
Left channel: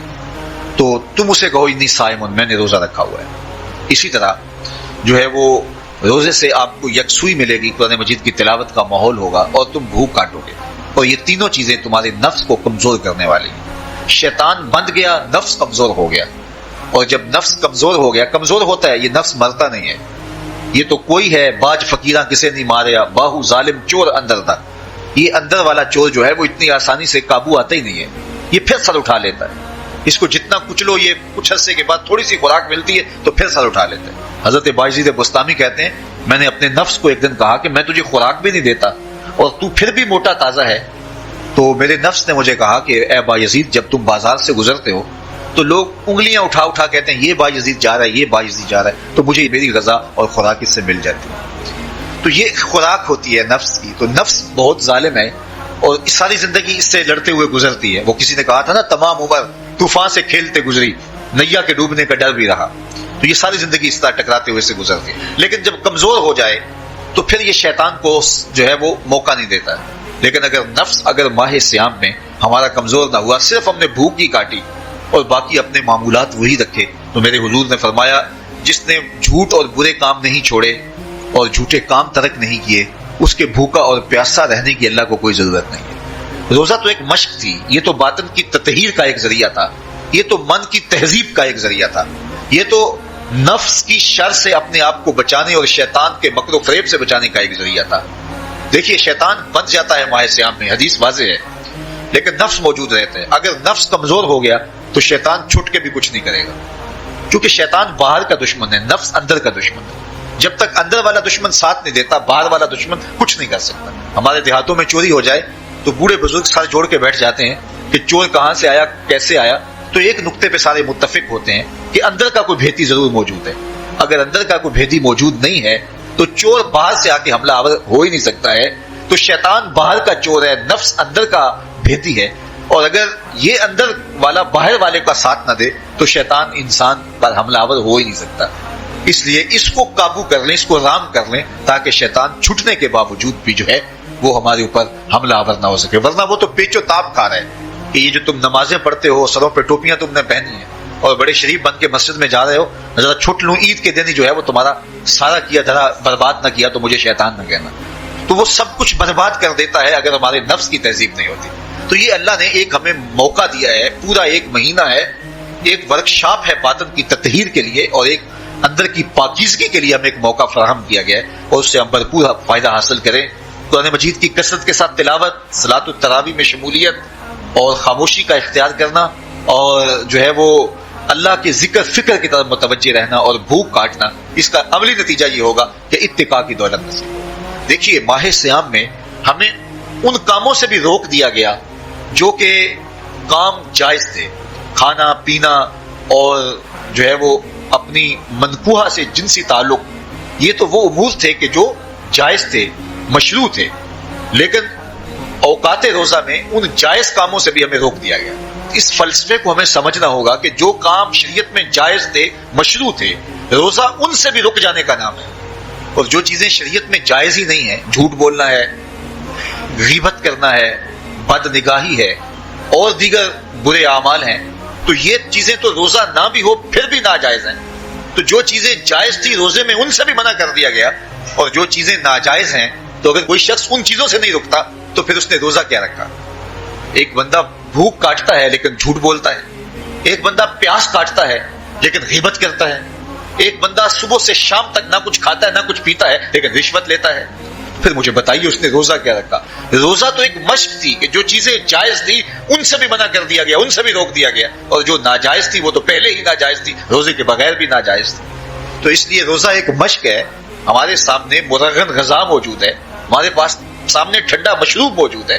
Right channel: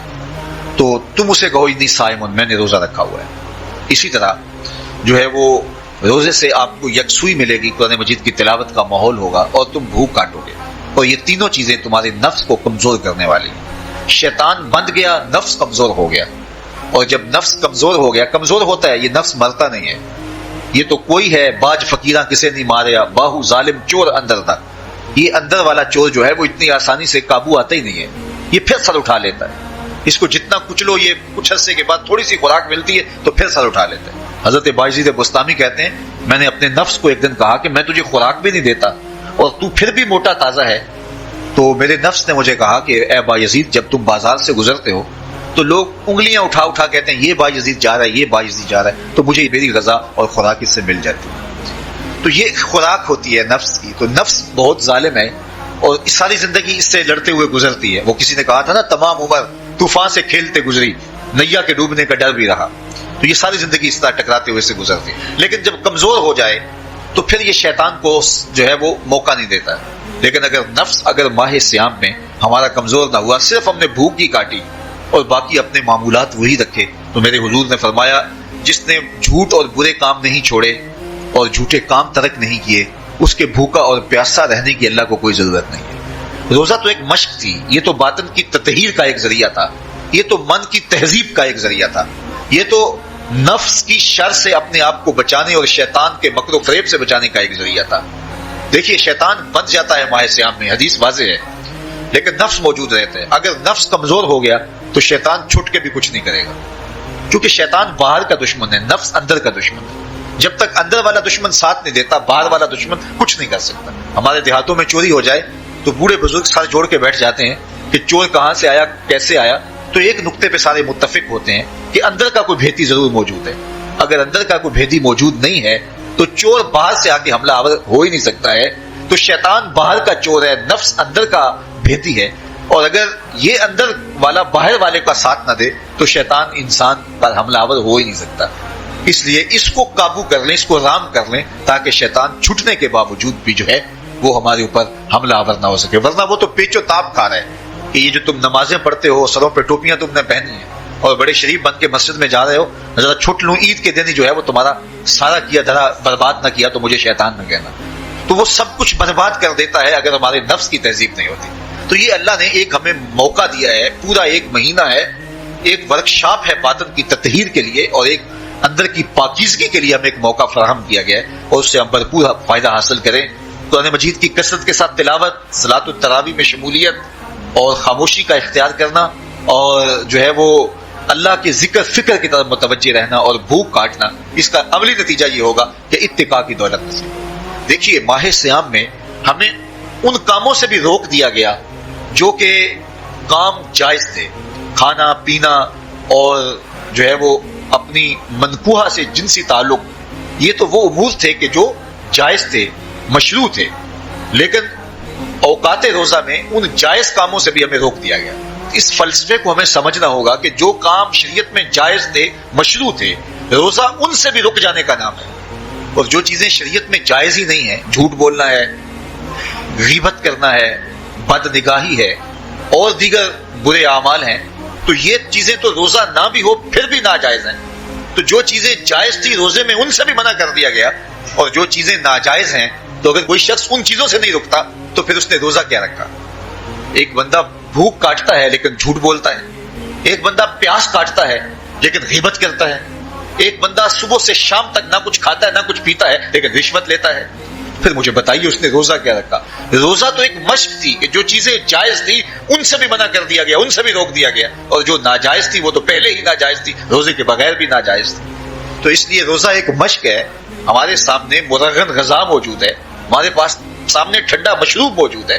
تو تم اسے کہو انی صائم, میں نے روزہ رکھا ہوا ہے. اسی طرح جو ہے وہ روزے سے آپ کو یکسوئی ملے گی, قرآن مجید کی تلاوت کا ماحول ہوگا اور تم بھوک کاٹو گے. اور یہ تینوں چیزیں تمہارے نفس کو کمزور کرنے والی. شیطان بند گیا, نفس کمزور ہو گیا, اور جب نفس کمزور ہو گیا, کمزور ہوتا ہے, یہ نفس مرتا نہیں ہے. یہ تو کوئی ہے باج فقیرہ کسے نہیں ماریا, باہو ظالم چور اندر نہ. یہ اندر والا چور جو ہے وہ اتنی آسانی سے قابو آتا ہی نہیں ہے, یہ پھر سر اٹھا لیتا ہے. اس کو جتنا کچلو, یہ کچھ عرصے کے بعد تھوڑی سی خوراک ملتی ہے تو پھر سر اٹھا لیتا ہے. حضرت بایزید بستامی کہتے ہیں میں نے اپنے نفس کو ایک دن کہا کہ میں تجھے خوراک بھی نہیں دیتا اور تو پھر بھی موٹا تازہ ہے. تو میرے نفس نے مجھے کہا کہ اے بایزید, جب تم بازار سے گزرتے ہو تو لوگ انگلیاں اٹھا اٹھا کہتے ہیں یہ بایزید جا رہا ہے, یہ بایزید جا رہا ہے, تو مجھے میری غذا اور خوراک اس سے مل جاتی ہے. تو یہ خوراک ہوتی ہے نفس کی. تو نفس بہت ظالم ہے اور ساری زندگی اس سے لڑتے ہوئے گزرتی ہے. وہ کسی نے کہا تھا نا, تمام عمر طوفان سے کھیلتے گزری, نیا کے ڈوبنے کا ڈر بھی رہا. تو یہ ساری زندگی اس طرح ٹکراتے ہوئے سے گزرتی ہے. لیکن جب کمزور ہو جائے تو پھر یہ شیطان کو جو ہے وہ موقع نہیں دیتا. لیکن اگر ماہ سیام میں ہمارا کمزور نہ ہوا, صرف ہم نے بھوک کی کاٹی اور باقی اپنے معمولات وہی رکھے, تو میرے حضور نے فرمایا جس نے جھوٹ اور برے کام نہیں چھوڑے اور جھوٹے کام ترک نہیں کیے, اس کے بھوکا اور پیاسا رہنے کی اللہ کو کوئی ضرورت نہیں ہے. روزہ تو ایک مشق تھی, یہ تو باطن کی تطہیر کا ایک ذریعہ تھا, یہ تو من کی تہذیب کا ایک ذریعہ تھا, یہ تو نفس کی شر سے اپنے آپ کو بچانے اور شیطان کے مکر و فریب سے بچانے کا ایک ذریعہ تھا. دیکھیے شیطان بچ جاتا ہے ماہ سیام میں, حدیث واضح ہے, لیکن نفس موجود رہتا ہے. اگر نفس کمزور ہو گیا تو شیطان چھٹ کے بھی کچھ نہیں کرے گا, کیونکہ شیطان باہر کا دشمن ہے, نفس اندر کا دشمن ہے. جب تک اندر والا دشمن ساتھ نہیں دیتا, باہر والا دشمن کچھ نہیں کر سکتا. ہمارے دیہاتوں میں چوری ہو جائے تو بوڑھے بزرگ سر جوڑ کے بیٹھ جاتے ہیں کہ چور کہاں سے آیا, کیسے آیا. تو ایک نقطے پہ سارے متفق ہوتے ہیں کہ اندر کا کوئی بھیتی ضرور موجود ہے. اگر اندر کا کوئی بھیتی موجود نہیں ہے تو چور باہر سے آ کے حملہ آور ہو ہی نہیں سکتا ہے. تو شیطان باہر کا چور ہے, نفس اندر کا بھیتی ہے, اور اگر یہ اندر والا باہر والے کا ساتھ نہ دے تو شیطان انسان پر حملہ آور ہو ہی نہیں سکتا. اس لیے اس کو قابو کر لیں, اس کو رام کر لیں, تاکہ شیطان چھٹنے کے باوجود بھی جو ہے وہ ہمارے اوپر حملہ آور نہ ہو سکے. ورنہ وہ تو پیچ و تاب کھا رہے ہیں, کہ یہ جو تم نمازیں پڑھتے ہو، سروں پہ ٹوپیاں تم نے پہنی ہیں اور بڑے شریف بن کے مسجد میں جا رہے ہو، ذرا چھٹ لو عید کے دن جو ہے وہ تمہارا سارا کیا ذرا برباد نہ کیا تو مجھے شیطان نہ کہنا. تو وہ سب کچھ برباد کر دیتا ہے اگر ہمارے نفس کی تہذیب نہیں ہوتی. تو یہ اللہ نے ایک ہمیں موقع دیا ہے، پورا ایک مہینہ ہے، ایک ورکشاپ ہے باطن کی تطہیر کے لیے اور ایک اندر کی پاکیزگی کے لیے ہمیں ایک موقع فراہم کیا گیا ہے اور اس سے ہم بھرپور فائدہ حاصل کریں. قرآن مجید کی کثرت کے ساتھ تلاوت، صلاۃ التراویح میں شمولیت اور خاموشی کا اختیار کرنا اور جو ہے وہ اللہ کی ذکر فکر کی طرف متوجہ رہنا اور بھوک کاٹنا، اس کا عملی نتیجہ یہ ہوگا کہ اتقاء کی دولت نصیب ہوگی. دیکھیے ماہ صیام میں ہمیں ان کاموں سے بھی روک دیا گیا جو کہ کام جائز تھے، کھانا پینا اور جو ہے وہ اپنی مذکورہ سے جنسی تعلق، یہ تو وہ امور تھے کہ جو جائز تھے، مشروع تھے، لیکن اوقات روزہ میں ان جائز کاموں سے بھی ہمیں روک دیا گیا. اس فلسفے کو ہمیں سمجھنا ہوگا کہ جو کام شریعت میں جائز تھے، مشروع تھے، روزہ ان سے بھی رک جانے کا نام ہے. اور جو چیزیں شریعت میں جائز ہی نہیں ہے، جھوٹ بولنا ہے، غیبت کرنا ہے، بد نگاہی ہے اور دیگر برے اعمال ہیں، تو یہ چیزیں تو روزہ نہ بھی ہو پھر بھی ناجائز ہیں. تو جو چیزیں جائز تھی روزے میں ان سے بھی منع کر دیا گیا، اور جو چیزیں ناجائز ہیں تو اگر کوئی شخص ان چیزوں سے نہیں رکتا تو پھر اس نے روزہ کیا رکھا. ایک بندہ بھوک کاٹتا ہے لیکن جھوٹ بولتا ہے، ایک بندہ پیاس کاٹتا ہے لیکن غیبت کرتا ہے، ایک بندہ صبح سے شام تک نہ کچھ کھاتا ہے نہ کچھ پیتا ہے لیکن رشوت لیتا ہے. پھر مجھے بتائیے اس نے روزہ کیا رکھا؟ روزہ تو ایک مشق تھی کہ جو چیزیں جائز تھی ان سے بھی منع کر دیا گیا، ان سے بھی روک دیا گیا، اور جو ناجائز تھی وہ تو پہلے ہی ناجائز تھی، روزے کے بغیر بھی ناجائز تھی. تو اس لیے روزہ ایک مشق ہے. ہمارے سامنے مرغن غذا موجود ہے، ہمارے پاس سامنے ٹھنڈا مشروب موجود ہے،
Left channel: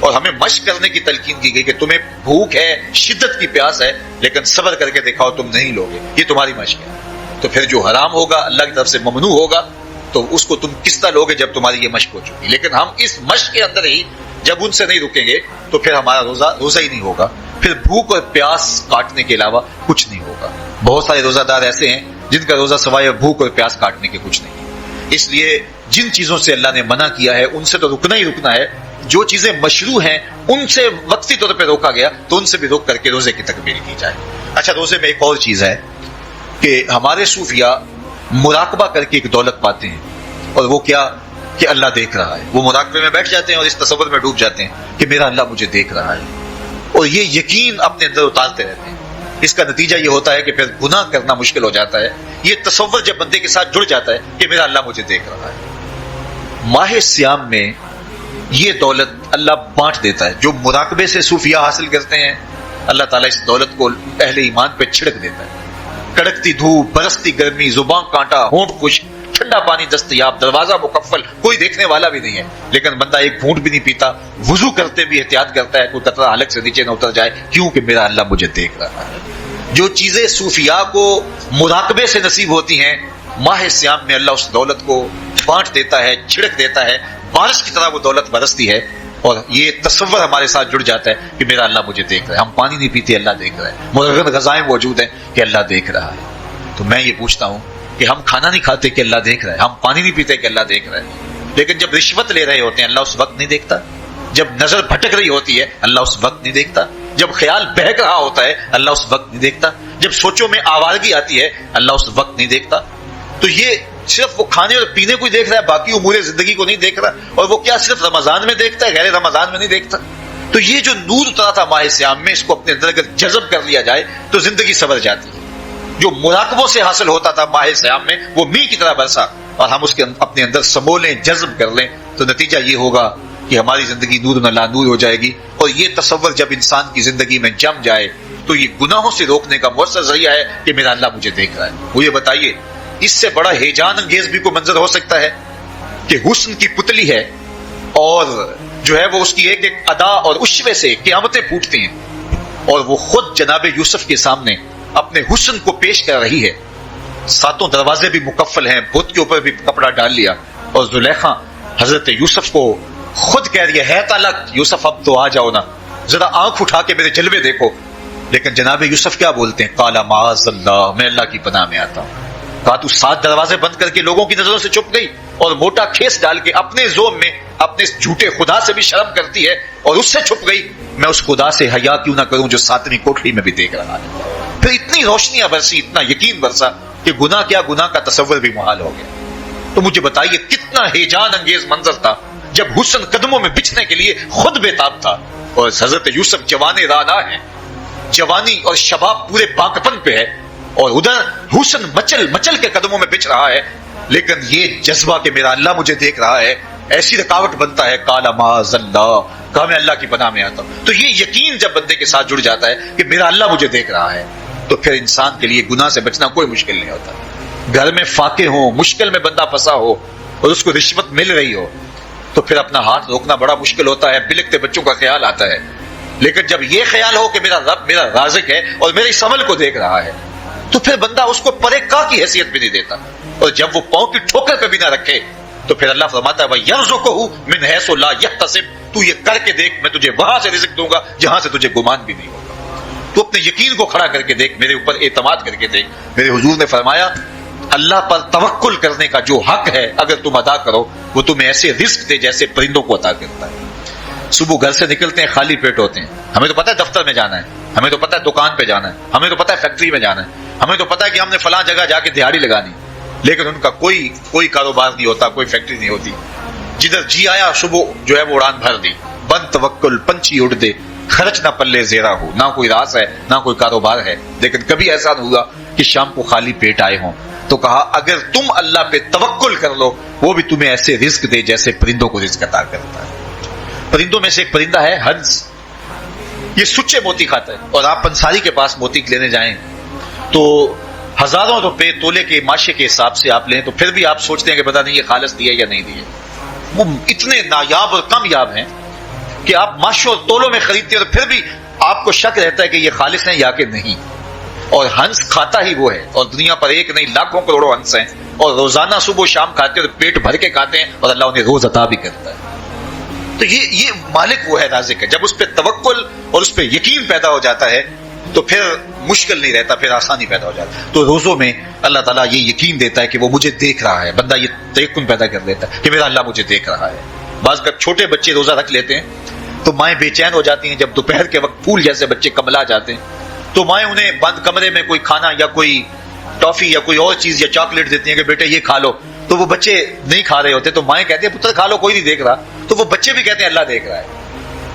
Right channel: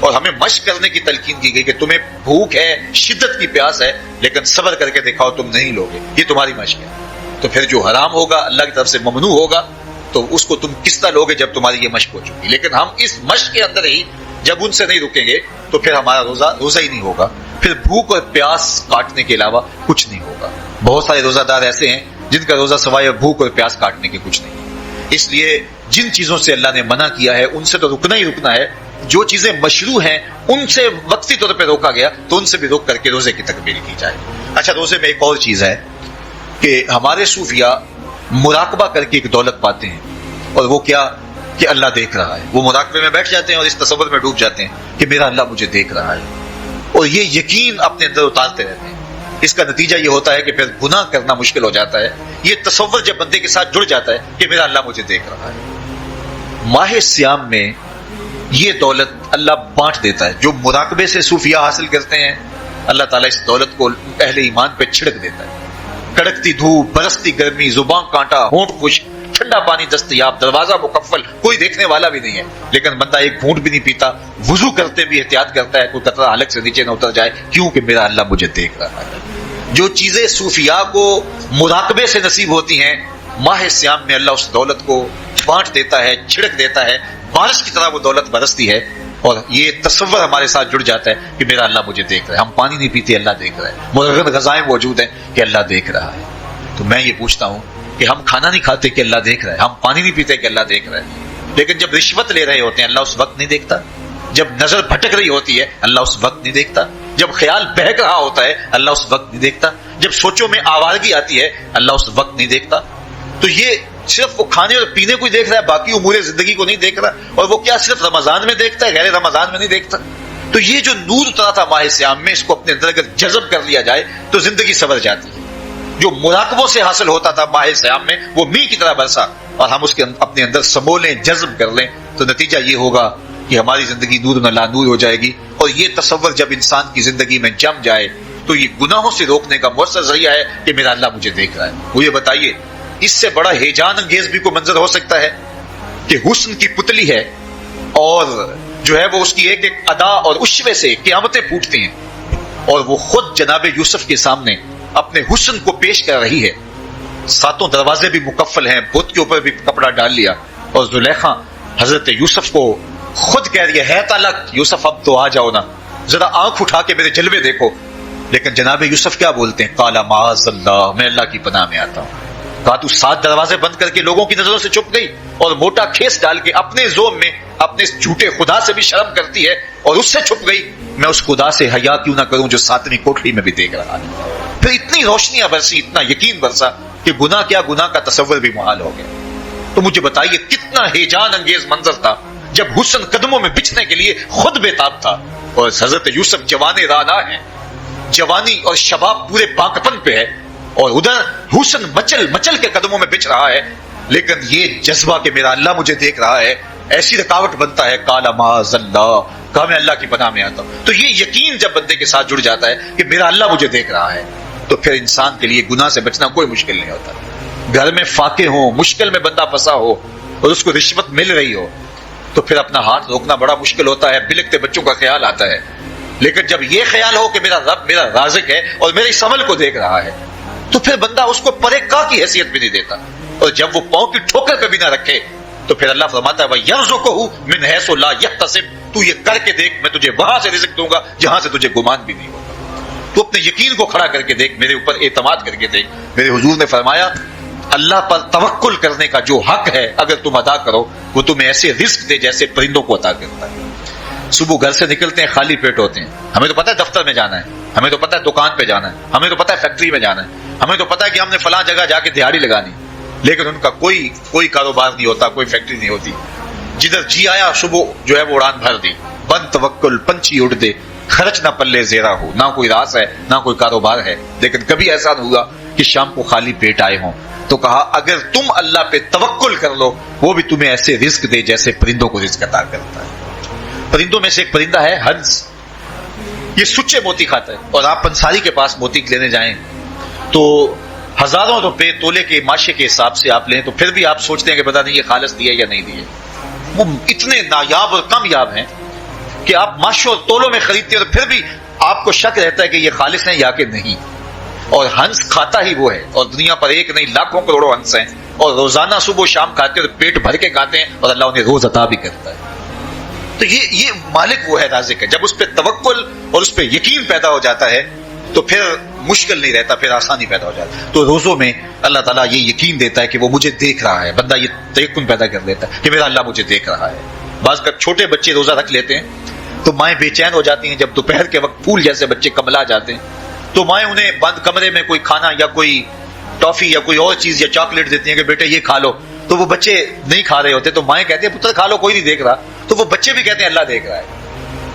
اور ہمیں مشق کرنے کی تلقین کی گئی کہ تمہیں بھوک ہے، شدت کی پیاس ہے، لیکن صبر کر کے دکھاؤ تم نہیں لوگے، یہ تمہاری مشق ہے. تو پھر جو حرام ہوگا، اللہ کی طرف سے ممنوع ہوگا، تو اس کو تم کس طرح لوگے جب تمہاری یہ مشق ہو چکی. لیکن ہم اس مشق کے اندر ہی جب ان سے نہیں رکیں گے تو پھر ہمارا روزہ ہی نہیں ہوگا، پھر بھوک اور پیاس کاٹنے کے علاوہ کچھ نہیں ہوگا. بہت سارے روزہ دار ایسے ہیں جن کا روزہ سوائے بھوک اور پیاس کاٹنے کی کچھ نہیں. اس لیے جن چیزوں سے اللہ نے منع کیا ہے ان سے تو رکنا ہی رکنا ہے. جو چیزیں مشروع ہیں ان سے وقتی طور پہ روکا گیا تو ان سے بھی روک کر کے روزے کی تکمیل کی جائے. اچھا، روزے میں ایک اور چیز ہے کہ ہمارے صوفیاء مراقبہ کر کے ایک دولت پاتے ہیں، اور وہ کیا کہ اللہ دیکھ رہا ہے. وہ مراقبے میں بیٹھ جاتے ہیں اور اس تصور میں ڈوب جاتے ہیں کہ میرا اللہ مجھے دیکھ رہا ہے، اور یہ یقین اپنے اندر اتارتے رہتے ہیں. اس کا نتیجہ یہ ہوتا ہے کہ پھر گناہ کرنا مشکل ہو جاتا ہے. یہ تصور جب بندے کے ساتھ جڑ جاتا ہے کہ میرا اللہ مجھے دیکھ رہا ہے. ماہ صیام میں یہ دولت اللہ بانٹ دیتا ہے. جو مراقبے سے صوفیاء حاصل کرتے ہیں، اللہ تعالیٰ اس دولت کو اہل ایمان پہ چھڑک دیتا ہے. کڑکتی دھوپ، برستی گرمی، زبان کانٹا، ہونٹ خشک، ٹھنڈا پانی دستیاب، دروازہ مکفل، کوئی دیکھنے والا بھی نہیں ہے، لیکن بندہ ایک گھونٹ بھی نہیں پیتا، وضو کرتے بھی احتیاط کرتا ہے تو قطرہ حلق سے نیچے نہ اتر جائے، کیونکہ میرا اللہ مجھے دیکھ رہا ہے. جو چیزیں صوفیاء کو مراقبے سے نصیب ہوتی ہیں، ماہ صیام میں اللہ اس دولت کو بانٹ دیتا ہے، چھڑک دیتا ہے، بارش کی طرح وہ دولت برستی ہے، اور یہ تصور ہمارے ساتھ جڑ جاتا ہے کہ میرا اللہ مجھے دیکھ رہا ہے. ہم پانی نہیں پیتے، اللہ دیکھ رہا ہے. مرغن غذائیں موجود ہیں کہ اللہ دیکھ رہا ہے. تو میں یہ پوچھتا ہوں کہ ہم کھانا نہیں کھاتے کہ اللہ دیکھ رہا ہے، ہم پانی نہیں پیتے کہ اللہ دیکھ رہا ہے، لیکن جب رشوت لے رہے ہوتے ہیں اللہ اس وقت نہیں دیکھتا؟ جب نظر بھٹک رہی ہوتی ہے اللہ اس وقت نہیں دیکھتا؟ جب خیال بہک رہا ہوتا ہے اللہ اس وقت نہیں دیکھتا؟ جب سوچوں میں آوارگی آتی ہے اللہ اس وقت نہیں دیکھتا؟ تو یہ صرف وہ کھانے اور پینے کو ہی دیکھ رہا ہے، باقی امور زندگی کو نہیں دیکھ رہا. اور وہ کیا صرف رمضان میں دیکھتا ہے، غیر رمضان میں نہیں دیکھتا؟ تو یہ جو نور اترا تھا ماہ صیام میں، اس کو اپنے اندر اگر جذب کر لیا جائے تو زندگی سنور جاتی ہے. جو مراقبوں سے حاصل ہوتا تھا ماہ صیام میں، وہ میل کی طرح برسا، اور ہم اس کے اپنے اندر سمو لیں، جذب کر لیں، تو نتیجہ یہ ہوگا کہ ہماری زندگی نور میں لانور ہو جائے گی. اور یہ تصور جب انسان کی زندگی میں جم جائے تو یہ گناہوں سے روکنے کا مؤثر ذریعہ ہے کہ میرا اللہ مجھے دیکھ رہا ہے. مجھے بتائیے اس سے بڑا ہیجان انگیز بھی کوئی منظر ہو سکتا ہے کہ حسن کی پتلی ہے اور جو ہے وہ اس کی ایک ایک ادا اور عشوے سے قیامتیں پھوٹتی ہیں، اور وہ خود جناب یوسف کے سامنے اپنے حسن کو پیش کر رہی ہے. 7 دروازے بھی مکفل ہیں، بت کے اوپر بھی کپڑا ڈال لیا، اور زلیخا حضرت یوسف کو خود کہہ رہی ہے تعالیٰ یوسف اب تو آ جاؤ نا، ذرا آنکھ اٹھا کے میرے جلوے دیکھو. لیکن جناب یوسف کیا بولتے ہیں؟ قال معاذ اللہ، میں اللہ کی پناہ میں آتا ہوں. بات 7 دروازے بند کر کے لوگوں کی نظروں سے چھپ گئی اور موٹا کھیس ڈال کے اپنے زوم میں اپنے اس جھوٹے خدا سے بھی شرم کرتی ہے اور اس سے چھپ گئی، میں اس خدا سے حیا کیوں نہ کروں جو ساتویں کوٹری میں بھی دیکھ رہا ہے۔ پھر اتنی روشنیاں برسی، اتنا یقین برسا کہ گناہ کیا، گناہ کا تصور بھی محال ہو گیا۔ تو مجھے بتائیے کتنا ہیجان انگیز منظر تھا جب حسن قدموں میں بچھنے کے لیے خود بےتاب تھا، اور حضرت یوسف جوان رانا ہے، جوانی اور شباب پورے پاکپن پہ ہے، اور ادھر حسن مچل مچل کے قدموں میں بچھ رہا ہے، لیکن یہ جذبہ کہ میرا اللہ مجھے دیکھ رہا ہے ایسی رکاوٹ بنتا ہے، کالا معاذ اللہ، کہا میں اللہ کی پناہ میں آتا ہوں۔ تو یہ یقین جب بندے کے ساتھ جڑ جاتا ہے کہ میرا اللہ مجھے دیکھ رہا ہے، تو پھر انسان کے لیے گناہ سے بچنا کوئی مشکل نہیں ہوتا۔ گھر میں فاتح ہو، مشکل میں بندہ پھنسا ہو اور اس کو رشوت مل رہی ہو تو پھر اپنا ہاتھ روکنا بڑا مشکل ہوتا ہے، بلکتے بچوں کا خیال آتا ہے۔ لیکن جب یہ خیال ہو کہ میرا رب میرا رازق ہے اور میری سمل کو دیکھ رہا ہے، تو پھر بندہ اس کو پرے کا کی حیثیت بھی نہیں دیتا، اور جب وہ پاؤں کی ٹھوکر کبھی نہ رکھے تو پھر اللہ فرماتا ہے وَيَرْزُقُهُ مِنْ حَيْثُ لَا يَحْتَسِبُ، تو یہ کر کے دیکھ میں تجھے وہاں سے رزق دوں گا جہاں سے تجھے گمان بھی نہیں ہوگا۔ تو اپنے یقین کو کھڑا کر کے دیکھ، میرے اوپر اعتماد کر کے دیکھ۔ میرے حضور نے فرمایا اللہ پر توکل کرنے کا جو حق ہے اگر تم ادا کرو، وہ تمہیں ایسے رزق دے جیسے پرندوں کو عطا کرتا ہے۔ صبح گھر سے نکلتے ہیں خالی پیٹ ہوتے ہیں، ہمیں تو پتہ ہے دفتر میں جانا ہے، ہمیں تو پتہ ہے دکان پہ جانا ہے، ہمیں تو پتہ ہے فیکٹری میں جانا ہے، ہمیں تو پتہ ہے کہ ہم نے فلاں جگہ جا کے دہاڑی لگانی، لیکن ان کا کوئی کاروبار نہیں ہوتا، کوئی فیکٹری نہیں ہوتی۔ جدھر جی آیا صبح جو ہے وہ اڑان بھر دیں، بند توکل، پنچھی اڑ دے، خرچ نہ پلے زیرہ ہو، نہ کوئی راس ہے نہ کوئی کاروبار ہے، لیکن کبھی ایسا نہ ہوا کہ شام کو خالی پیٹ آئے ہوں۔ تو کہا اگر تم اللہ پہ توکل کر لو، وہ بھی تمہیں ایسے رزق دے جیسے پرندوں کو رزق عطا کرتا ہے۔ پرندوں میں سے ایک پرندہ ہے ہنس، یہ سچے موتی کھاتا ہے، اور آپ پنساری کے پاس موتی لینے جائیں تو ہزاروں روپے تولے کے ماشے کے حساب سے آپ لیں تو پھر بھی آپ سوچتے ہیں کہ پتہ نہیں یہ خالص دیے یا نہیں دیے۔ وہ اتنے نایاب اور کامیاب ہیں کہ آپ ماشوں اور تولوں میں خریدتے ہیں تو پھر بھی آپ کو شک رہتا ہے کہ یہ خالص ہے یا کہ نہیں۔ اور ہنس کھاتا ہی وہ ہے، اور دنیا پر ایک نہیں لاکھوں کروڑوں ہنس ہیں، اور روزانہ صبح شام کھاتے ہیں اور پیٹ بھر کے کھاتے ہیں، اور اللہ انہیں روز عطا بھی کرتا ہے۔ تو یہ مالک وہ ہے، رازق ہے۔ جب اس پہ توکل اور اس پہ یقین پیدا ہو جاتا ہے تو پھر مشکل نہیں رہتا، پھر آسانی پیدا ہو جاتی ہے۔ تو روزوں میں اللہ تعالیٰ یہ یقین دیتا ہے کہ وہ مجھے دیکھ رہا ہے، بندہ یہ تیقن پیدا کر لیتا ہے کہ میرا اللہ مجھے دیکھ رہا ہے۔ بعض کا چھوٹے بچے روزہ رکھ لیتے ہیں تو مائیں بے چین ہو جاتی ہیں، جب دوپہر کے وقت پھول جیسے بچے کملا جاتے ہیں تو مائیں انہیں بند کمرے میں کوئی کھانا یا کوئی ٹافی یا کوئی اور چیز یا چاکلیٹ دیتی ہیں کہ بیٹے یہ کھا لو، تو وہ بچے نہیں کھا رہے ہوتے تو مائیں کہتی ہیں پتر کھا لو، کوئی نہیں دیکھ رہا، تو وہ بچے بھی کہتے ہیں اللہ دیکھ رہا ہے۔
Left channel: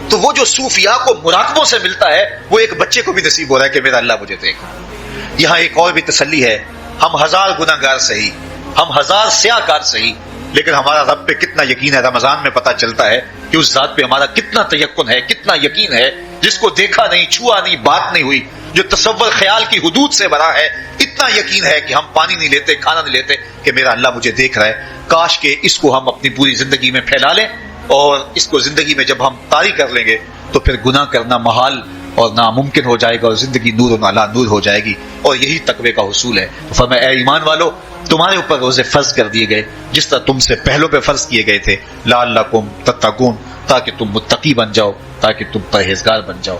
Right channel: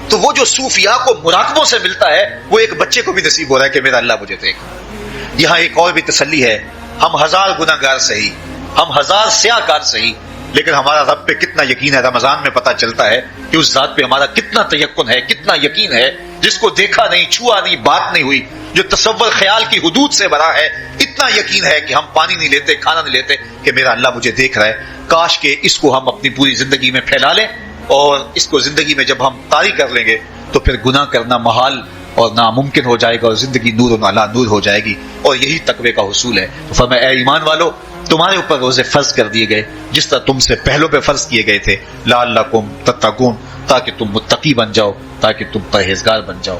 تو وہ جو صوفیاء کو مراقبوں سے ملتا ہے وہ ایک بچے کو بھی نصیب ہو رہا ہے کہ میرا اللہ مجھے دیکھ رہا ہے۔ یہاں ایک اور بھی تسلی ہے، ہم ہزار گناہ گار صحیح، ہم ہزار سیاہ کار صحیح، لیکن ہمارا رب پہ کتنا یقین ہے رمضان میں پتہ چلتا ہے کہ اس ذات پہ ہمارا کتنا تیقن ہے، کتنا یقین ہے، جس کو دیکھا نہیں، چھوا نہیں، بات نہیں ہوئی، جو تصور خیال کی حدود سے بنا ہے، اتنا یقین ہے کہ ہم پانی نہیں لیتے، کھانا نہیں لیتے کہ میرا اللہ مجھے دیکھ رہا ہے۔ کاش کہ اس کو ہم اپنی پوری زندگی میں پھیلا لیں، اور اس کو زندگی میں جب ہم طاری کر لیں گے تو پھر گناہ کرنا محال اور ناممکن ہو جائے گا، اور زندگی نور و نالا نور ہو جائے گی، اور یہی تقوی کا حصول ہے۔ فرمایا اے ایمان والو، تمہارے اوپر روزے فرض کر دیے گئے جس طرح تم سے پہلوں پہ فرض کیے گئے تھے، لعلکم تتقون، تاکہ تم متقی بن جاؤ، تاکہ تم پرہیزگار بن جاؤ۔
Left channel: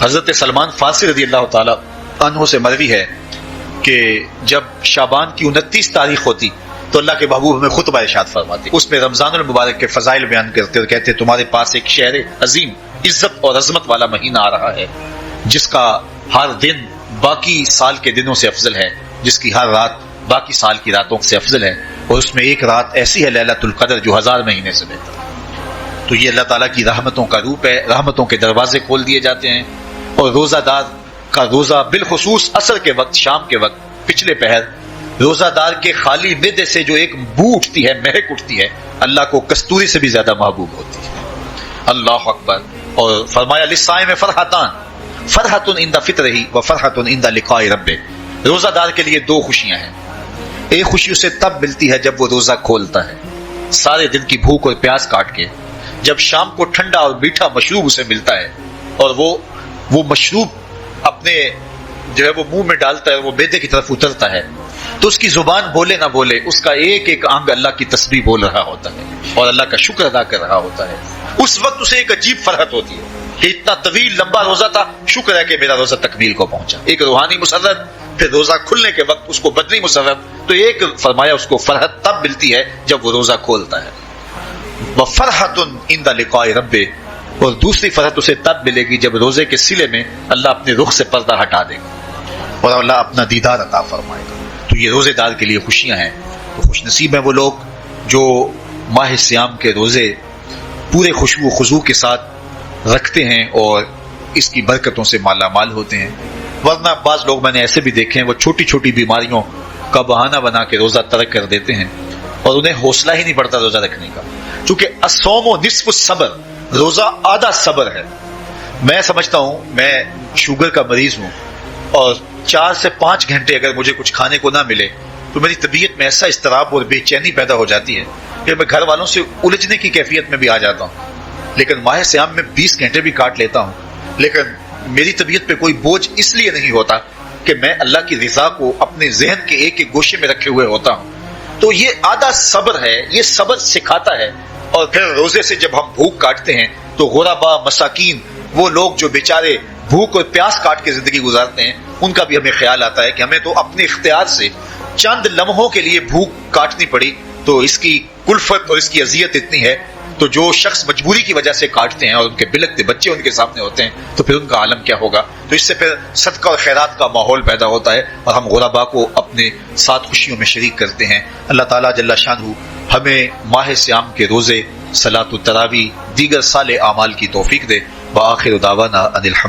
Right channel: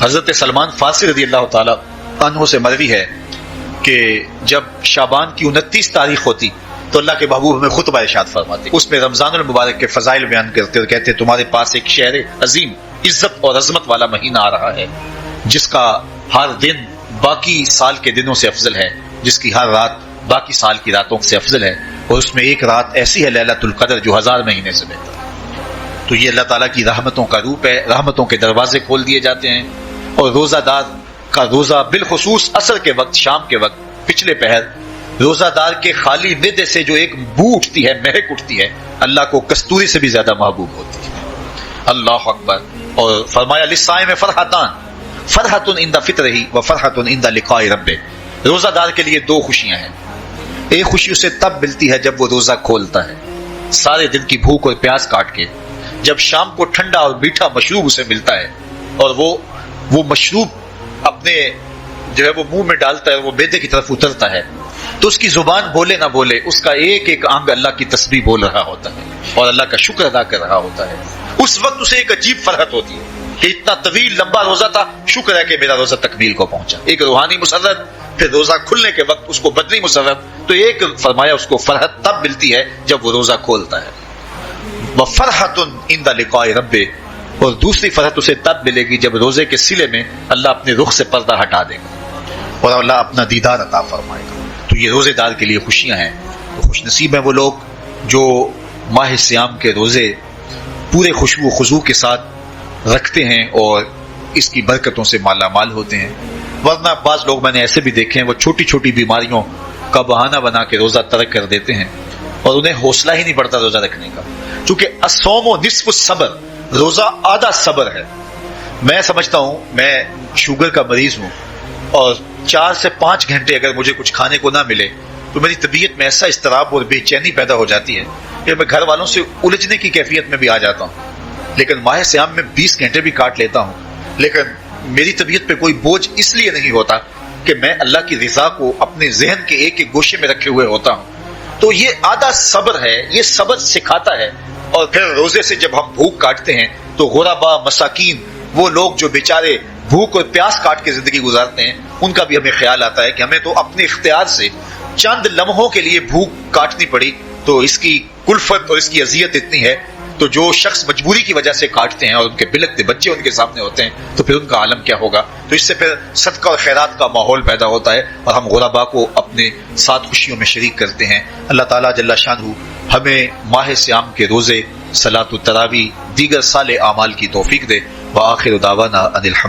حضرت سلمان فارسی رضی اللہ تعالیٰ عنہ سے مروی ہے کہ جب شعبان کی 29 تاریخ ہوتی تو اللہ کے محبوب ہمیں خطبہ ارشاد فرماتے، اس میں رمضان المبارک کے فضائل بیان کرتے اور کہتے ہیں تمہارے پاس ایک شہر عظیم، عزت اور عظمت والا مہینہ آ رہا ہے، جس کا ہر دن باقی سال کے دنوں سے افضل ہے، جس کی ہر رات باقی سال کی راتوں سے افضل ہے، اور اس میں ایک رات ایسی ہے لیلۃ القدر جو 1000 مہینے سے بہتر ہے۔ تو یہ اللہ تعالیٰ کی رحمتوں کا روپ ہے، رحمتوں کے دروازے کھول دیے جاتے ہیں، اور روزہ دار کا روزہ بالخصوص عصر کے وقت، شام کے وقت، پچھلے پہر، روزہ دار کے خالی معدے سے جو ایک بو اٹھتی ہے، مہک اٹھتی ہے، اللہ کو کستوری سے بھی زیادہ محبوب ہوتی ہے۔ اللہ اکبر۔ اور فرمایا للصائم فرحتان، فرحۃ عند فطرہ و فرحۃ عند لقاء ربہ، روزہ دار کے لیے 2 خوشیاں ہیں۔ ایک خوشی اسے تب ملتی ہے جب وہ روزہ کھولتا ہے سارے دن کی بھوک اور پیاس کاٹ کے، جب شام کو ٹھنڈا اور میٹھا مشروب اسے ملتا ہے، اور وہ مشروب اپنے جو ہے وہ منہ میں ڈالتا ہے، وہ معدے کی طرف اترتا ہے، تو اس کی زبان بولے نہ بولے، اس کا ایک ایک انگ اللہ کی تسبیح بول رہا ہوتا ہے اور اللہ کا شکر ادا کر رہا ہوتا ہے۔ اس وقت اسے ایک عجیب فرحت ہوتی ہے کہ اتنا طویل لمبا روزہ تھا، شکر ہے کہ میرا روزہ تکمیل کو پہنچا، ایک روحانی مسرت، پھر روزہ کھلنے کے وقت اس کو بدنی مسرت، تو ایک فرمایا اس کو فرحت تب ملتی ہے جب وہ روزہ کھولتا ہے۔ وفرحۃ عند لقاء ربہ، اور دوسری فرحت اسے تب ملے گی جب روزے کے سلے میں اللہ اپنے رخ سے پردہ ہٹا دے گا اور اللہ اپنا دیدار عطا فرمائے گا۔ تو یہ روزے دار کے لیے خوشیاں ہیں۔ خوش نصیب ہیں وہ لوگ جو ماہ سیام کے روزے پورے خوشبو و خضوع کے ساتھ رکھتے ہیں اور اس کی برکتوں سے مالا مال ہوتے ہیں۔ ورنہ بعض لوگ میں نے ایسے بھی دیکھے ہیں وہ چھوٹی چھوٹی بیماریوں کا بہانہ بنا کے روزہ ترک کر دیتے ہیں اور انہیں حوصلہ ہی نہیں پڑتا روزہ رکھنے کا، چونکہ الصوم نصف الصبر، روزہ آدھا صبر ہے۔ میں سمجھتا ہوں، میں شوگر کا مریض ہوں اور 4 سے 5 گھنٹے اگر مجھے کچھ کھانے کو نہ ملے تو میری طبیعت میں ایسا اضطراب اور بے چینی پیدا ہو جاتی ہے کہ میں گھر والوں سے الجھنے کی کیفیت میں بھی آ جاتا ہوں۔ لیکن ماہ سیام میں 20 گھنٹے بھی کاٹ لیتا ہوں، لیکن میری طبیعت پہ کوئی بوجھ اس لیے نہیں ہوتا کہ میں اللہ کی رضا کو اپنے ذہن کے ایک ایک گوشے میں رکھے ہوئے ہوتا ہوں۔ تو یہ آدھا صبر ہے، یہ صبر سکھاتا ہے۔ اور پھر روزے سے جب ہم بھوک کاٹتے ہیں تو غربا، مساکین، وہ لوگ جو بیچارے بھوک اور پیاس کاٹ کے زندگی گزارتے ہیں، ان کا بھی ہمیں خیال آتا ہے کہ ہمیں تو اپنے اختیار سے چند لمحوں کے لیے بھوک کاٹنی پڑی تو اس کی کلفت اور اس کی اذیت اتنی ہے، تو جو شخص مجبوری کی وجہ سے کاٹتے ہیں اور ان کے بلکتے بچے ان کے سامنے ہوتے ہیں تو پھر ان کا عالم کیا ہوگا۔ تو اس سے پھر صدقہ اور خیرات کا ماحول پیدا ہوتا ہے اور ہم غربا کو اپنے ساتھ خوشیوں میں شریک کرتے ہیں۔ اللہ تعالیٰ جل شانہ ہمیں ماہ سیام کے روزے، صلاۃ التراویح، دیگر صالح اعمال کی توفیق دے۔ وآخر دعوانا ان الحمد